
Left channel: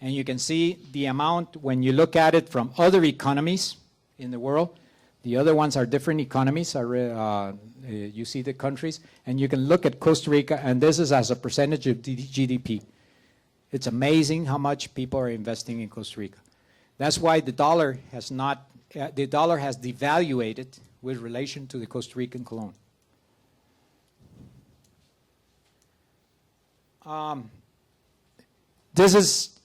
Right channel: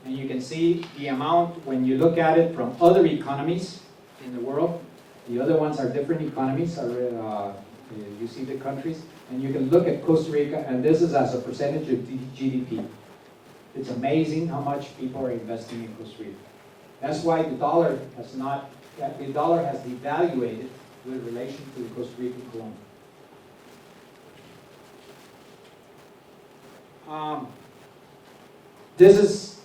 And you can see the amount when you look at it from other economies in the world. The other ones are different economies. You see the countries. And you can look at Costa Rica, and this is as a percentage of GDP. It's amazing how much people are investing in Costa Rica. That's why the dollar has devaluated with relation to the Costa Rican colon. This is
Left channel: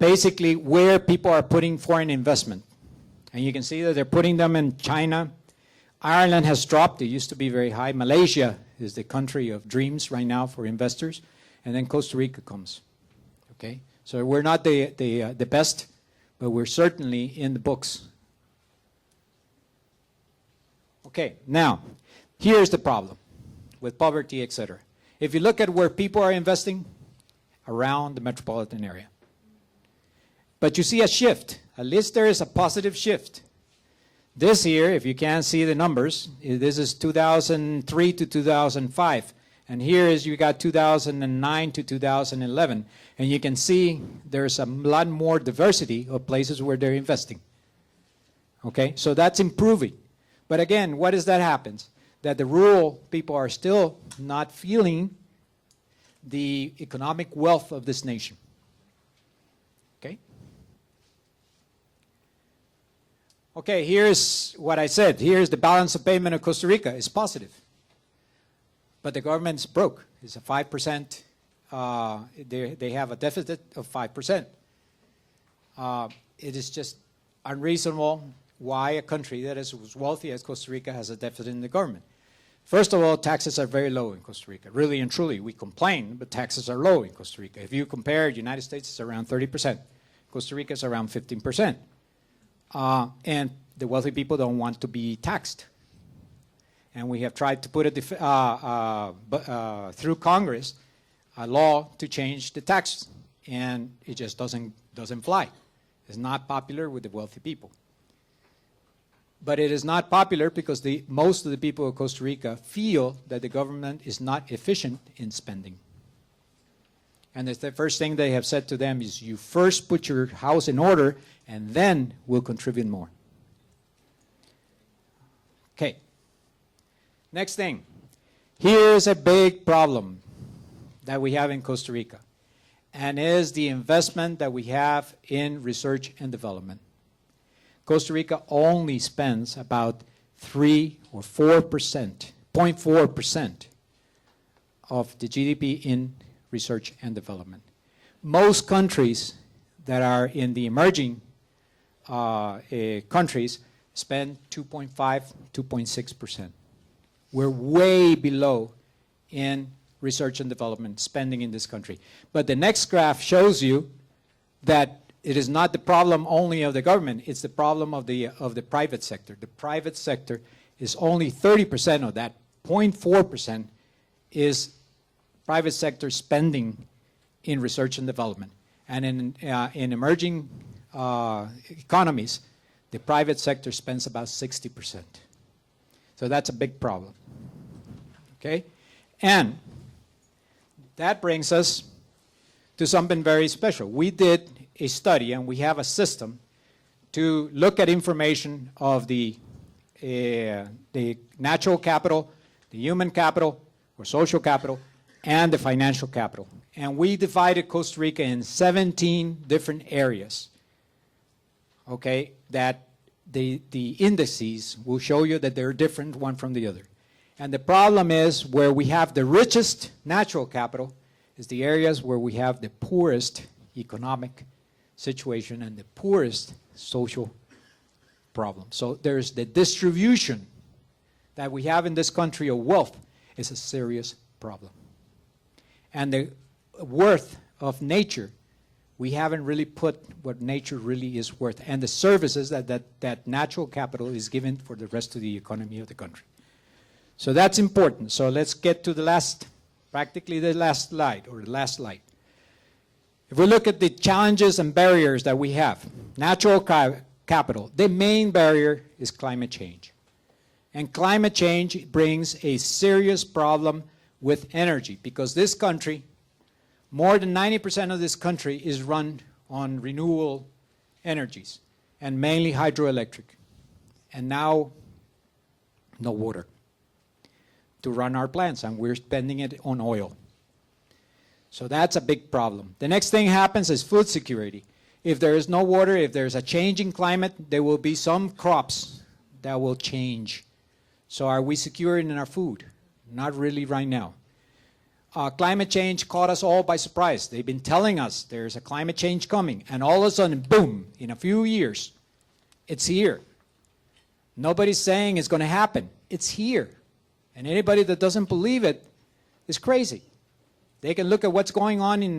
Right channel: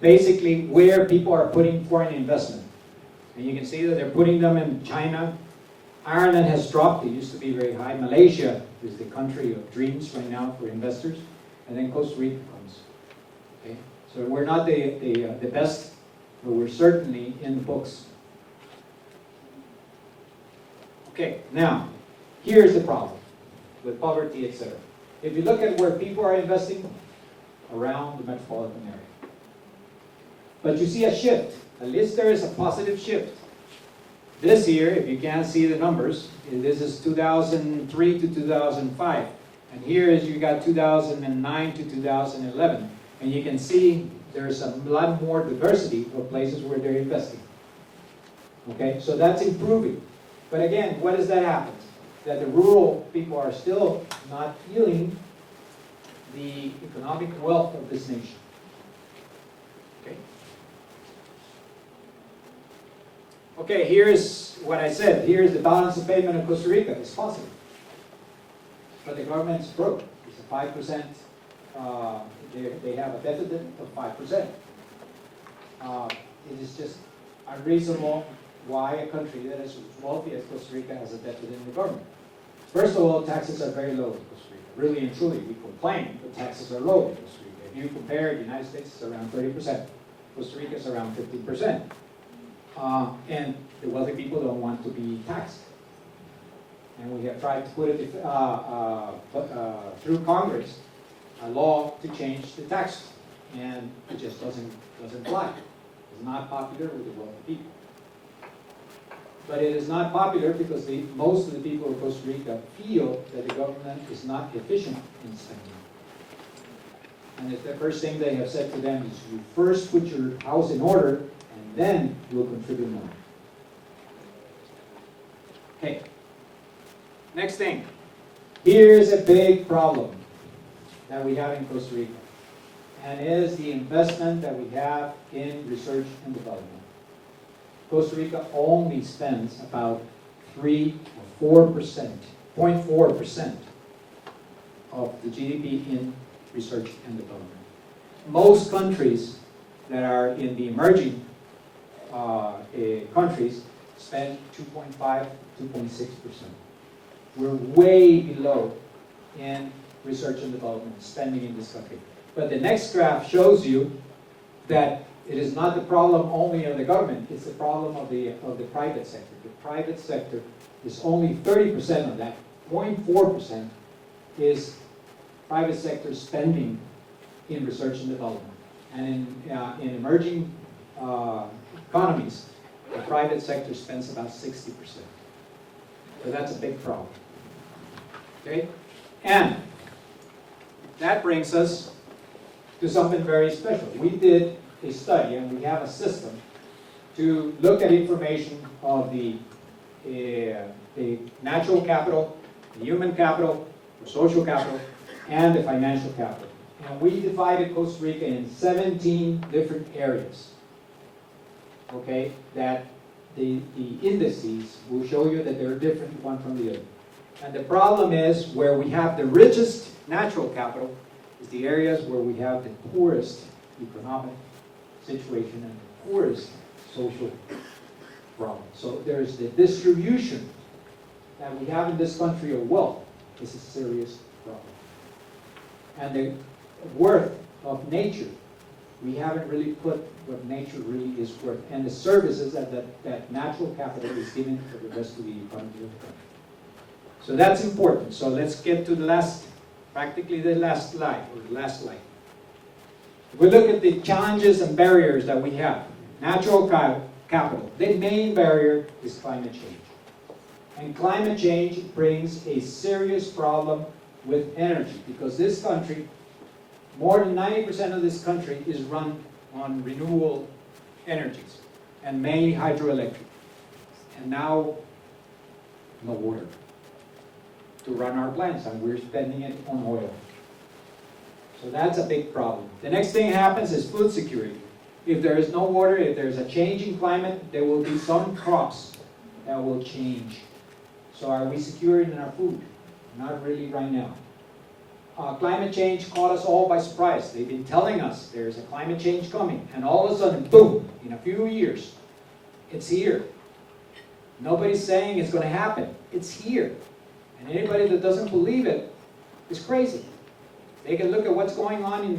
basically where people are putting foreign investment. And you can see that they're putting them in China. Ireland has dropped. It used to be very high. Malaysia is the country of dreams right now for investors. And then Costa Rica comes. Okay? So we're not the best, but we're certainly in the books. Okay, now, here's the problem with poverty, etc. If you look at where people are investing, around the metropolitan area. But you see a shift. At least there is a positive shift. This year, if you can't see the numbers, this is 2003 to 2005. And here is you got 2009 to 2011. And you can see there's a lot more diversity of places where they're investing. Okay, so that's improving. But again, what does that happen? That the rural people are still not feeling the economic wealth of this nation. Okay? Okay, here's what I said. Here's the balance of payment of Costa Rica. It's positive. But the government's broke. It's a 5%. They have a deficit of 5%. It is just unreasonable why a country that is as wealthy as Costa Rica has a deficit in the government. First of all, taxes are very low in Costa Rica. Really and truly, we complain, but taxes are low in Costa Rica. If you compare, the United States is around 30%. Costa Rica is around 15%. And the wealthy people don't want to be taxed. And we have tried to put it through Congress, a law to change the tax, and it just doesn't fly. It's not popular with the wealthy people. But it is not popular because most of the people of Costa Rica feel that the government is not efficient in spending. And the first thing they have said to them is, you first put your house in order, and then we'll contribute more. Okay. Next thing. Here's a big problem that we have in Costa Rica, and is the investment that we have in research and development. Costa Rica only spends about 3 or 4%, 0.4% of the GDP in research and development. Most countries that are in the emerging countries spend 2.5, 2.6%. We're way below in research and development spending in this country. But the next graph shows you that it is not the problem only of the government, it's the problem of the private sector. The private sector is only 30% of that. 0.4% is private sector spending in research and development. And in emerging economies, the private sector spends about 60%. So that's a big problem. Okay? And that brings us to something very special. We did a study, and we have a system to look at information of the natural capital, the human capital, or social capital, and the financial capital. And we divided Costa Rica in 17 different areas, okay, that the indices will show you that they're different one from the other. And the problem is where we have the richest natural capital is the areas where we have the poorest economic situation and the poorest social problem. So there's the distribution that we have in this country of wealth is a serious problem. And the worth of nature, we haven't really put what nature really is worth and the services that natural capital is given for the rest of the economy of the country. So that's important. So let's get to the last, practically the last slide, or the last slide. If we look at the challenges and barriers that we have, natural capital, the main barrier is climate change. And climate change brings a serious problem with energy, because this country, more than 90% of this country is run on renewable energies, and mainly hydroelectric. And now, no water to run our plants, and we're spending it on oil. So that's a big problem. The next thing happens is food security. If there is no water, if there's a change in climate, there will be some crops that will change. So are we secure in our food? Not really right now. Climate change caught us all by surprise. They've been telling us there's a climate change coming, and all of a sudden, boom, in a few years, it's here. Nobody's saying it's going to happen. It's here. And anybody that doesn't believe it is crazy. They can look at what's going on in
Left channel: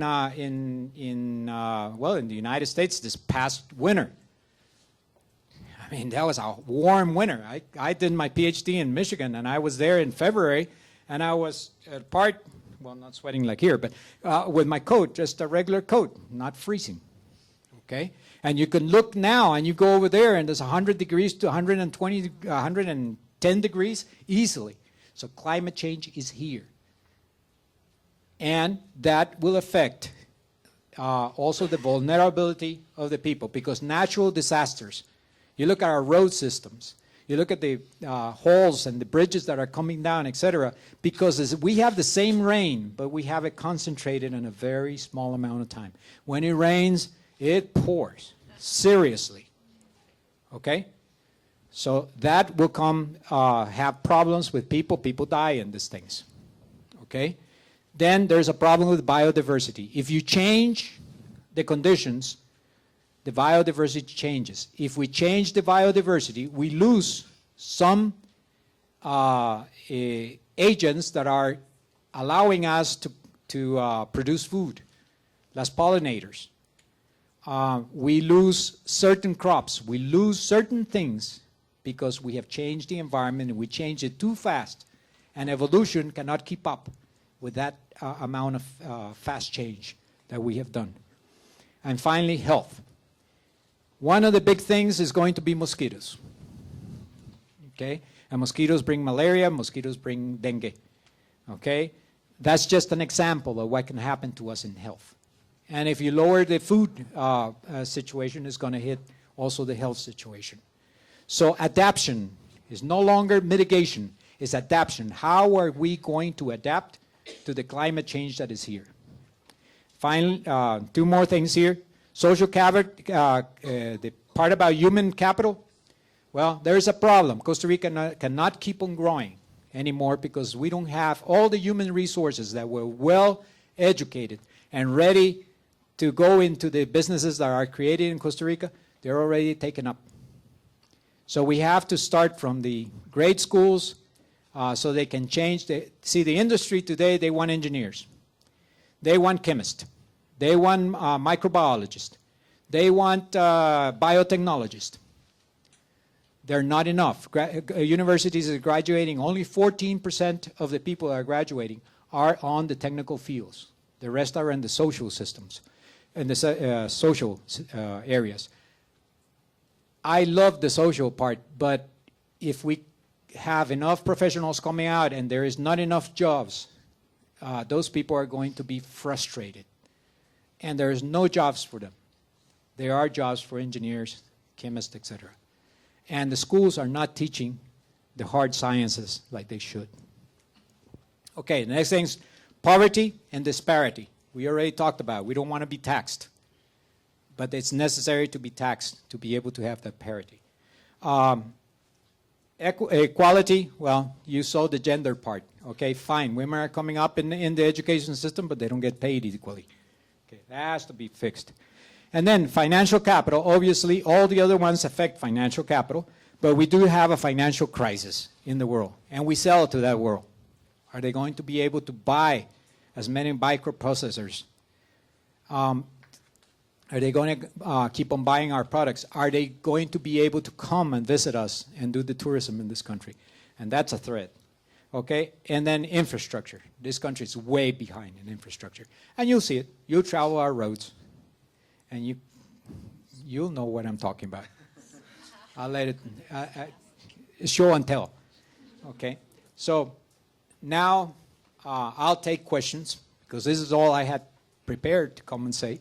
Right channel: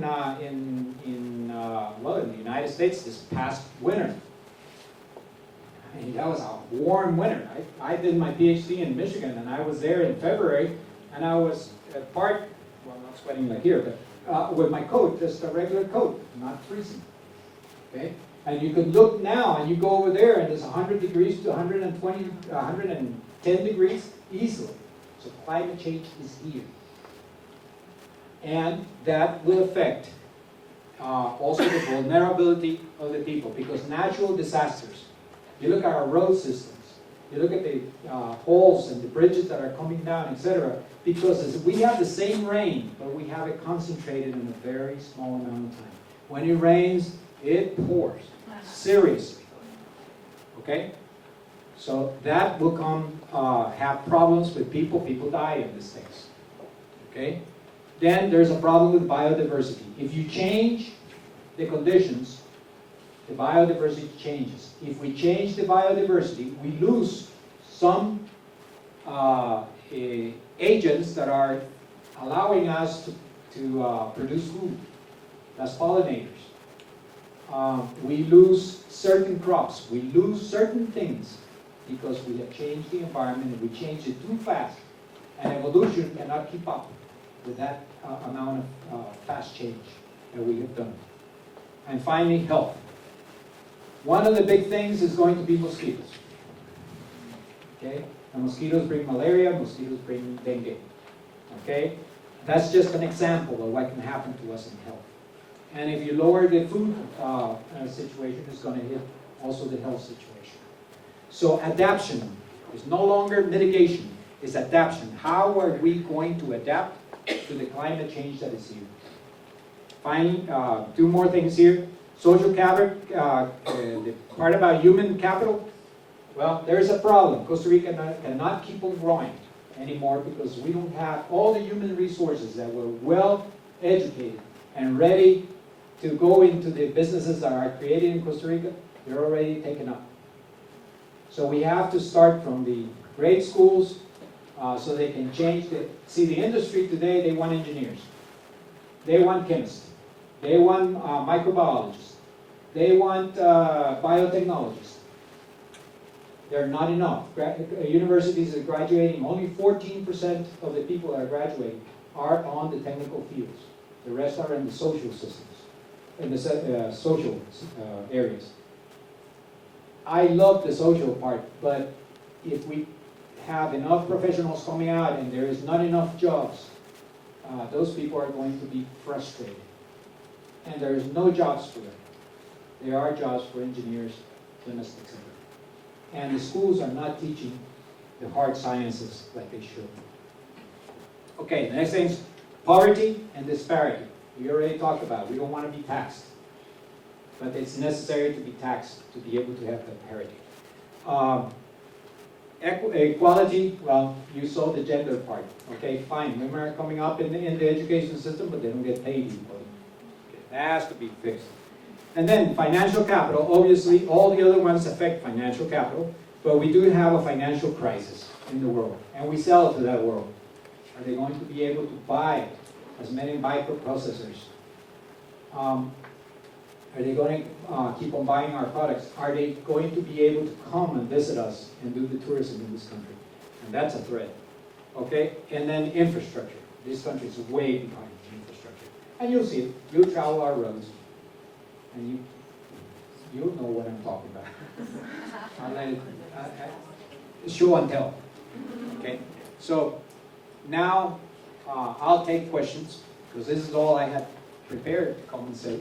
the United States this past winter. I mean, that was a warm winter. I did my PhD in Michigan, and I was there in February, and I was not sweating like here, but with my coat, just a regular coat, not freezing. Okay? And you can look now, and you go over there, and there's 100 degrees to 120, 110 degrees easily. So climate change is here. And that will affect also the vulnerability of the people, because natural disasters, you look at our road systems, you look at the holes and the bridges that are coming down, etc., because we have the same rain, but we have it concentrated in a very small amount of time. When it rains, it pours, seriously. Okay? So that will have problems with people. People die in these things. Okay? Then there's a problem with biodiversity. If you change the conditions, the biodiversity changes. If we change the biodiversity, we lose some agents that are allowing us to produce food. That's pollinators. We lose certain crops. We lose certain things because we have changed the environment, and we change it too fast. And evolution cannot keep up with that amount of fast change that we have done. And finally, health. One of the big things is going to be mosquitoes. Okay? And mosquitoes bring malaria, mosquitoes bring dengue. Okay? That's just an example of what can happen to us in health. And if you lower the food situation, it's going to hit also the health situation. So adaptation It's no longer mitigation, it's adaptation. How are we going to adapt to the climate change that is here? Finally, two more things here. Social capital, the part about human capital, well, there's a problem. Costa Rica cannot keep on growing anymore because we don't have all the human resources that were well educated and ready to go into the businesses that are created in Costa Rica. They're already taken up. So we have to start from the grade schools so they can change. See, the industry today, they want engineers. They want chemists. They want microbiologists. They want biotechnologists. They're not enough. Universities are graduating, only 14% of the people that are graduating are on the technical fields. The rest are in the social systems, in the social areas. I love the social part, but if we have enough professionals coming out and there is not enough jobs, those people are going to be frustrated. And there is no jobs for them. There are jobs for engineers, chemists, etc. And the schools are not teaching the hard sciences like they should. Okay, the next thing is poverty and disparity. We already talked about it. We don't want to be taxed. But it's necessary to be taxed to be able to have that parity. Equality, well, you saw the gender part. Okay, fine. Women are coming up in the education system, but they don't get paid equally. It has to be fixed. And then financial capital, obviously all the other ones affect financial capital, but we do have a financial crisis in the world, and we sell to that world. Are they going to be able to buy as many microprocessors? Are they going to keep on buying our products? Are they going to be able to come and visit us and do the tourism in this country? And that's a threat. Okay? And then infrastructure. This country is way behind in infrastructure. And you'll see it. You'll travel our roads. And you'll know what I'm talking about. I'll let it, show and tell. Okay? So now I'll take questions, because this is all I had prepared to come and say.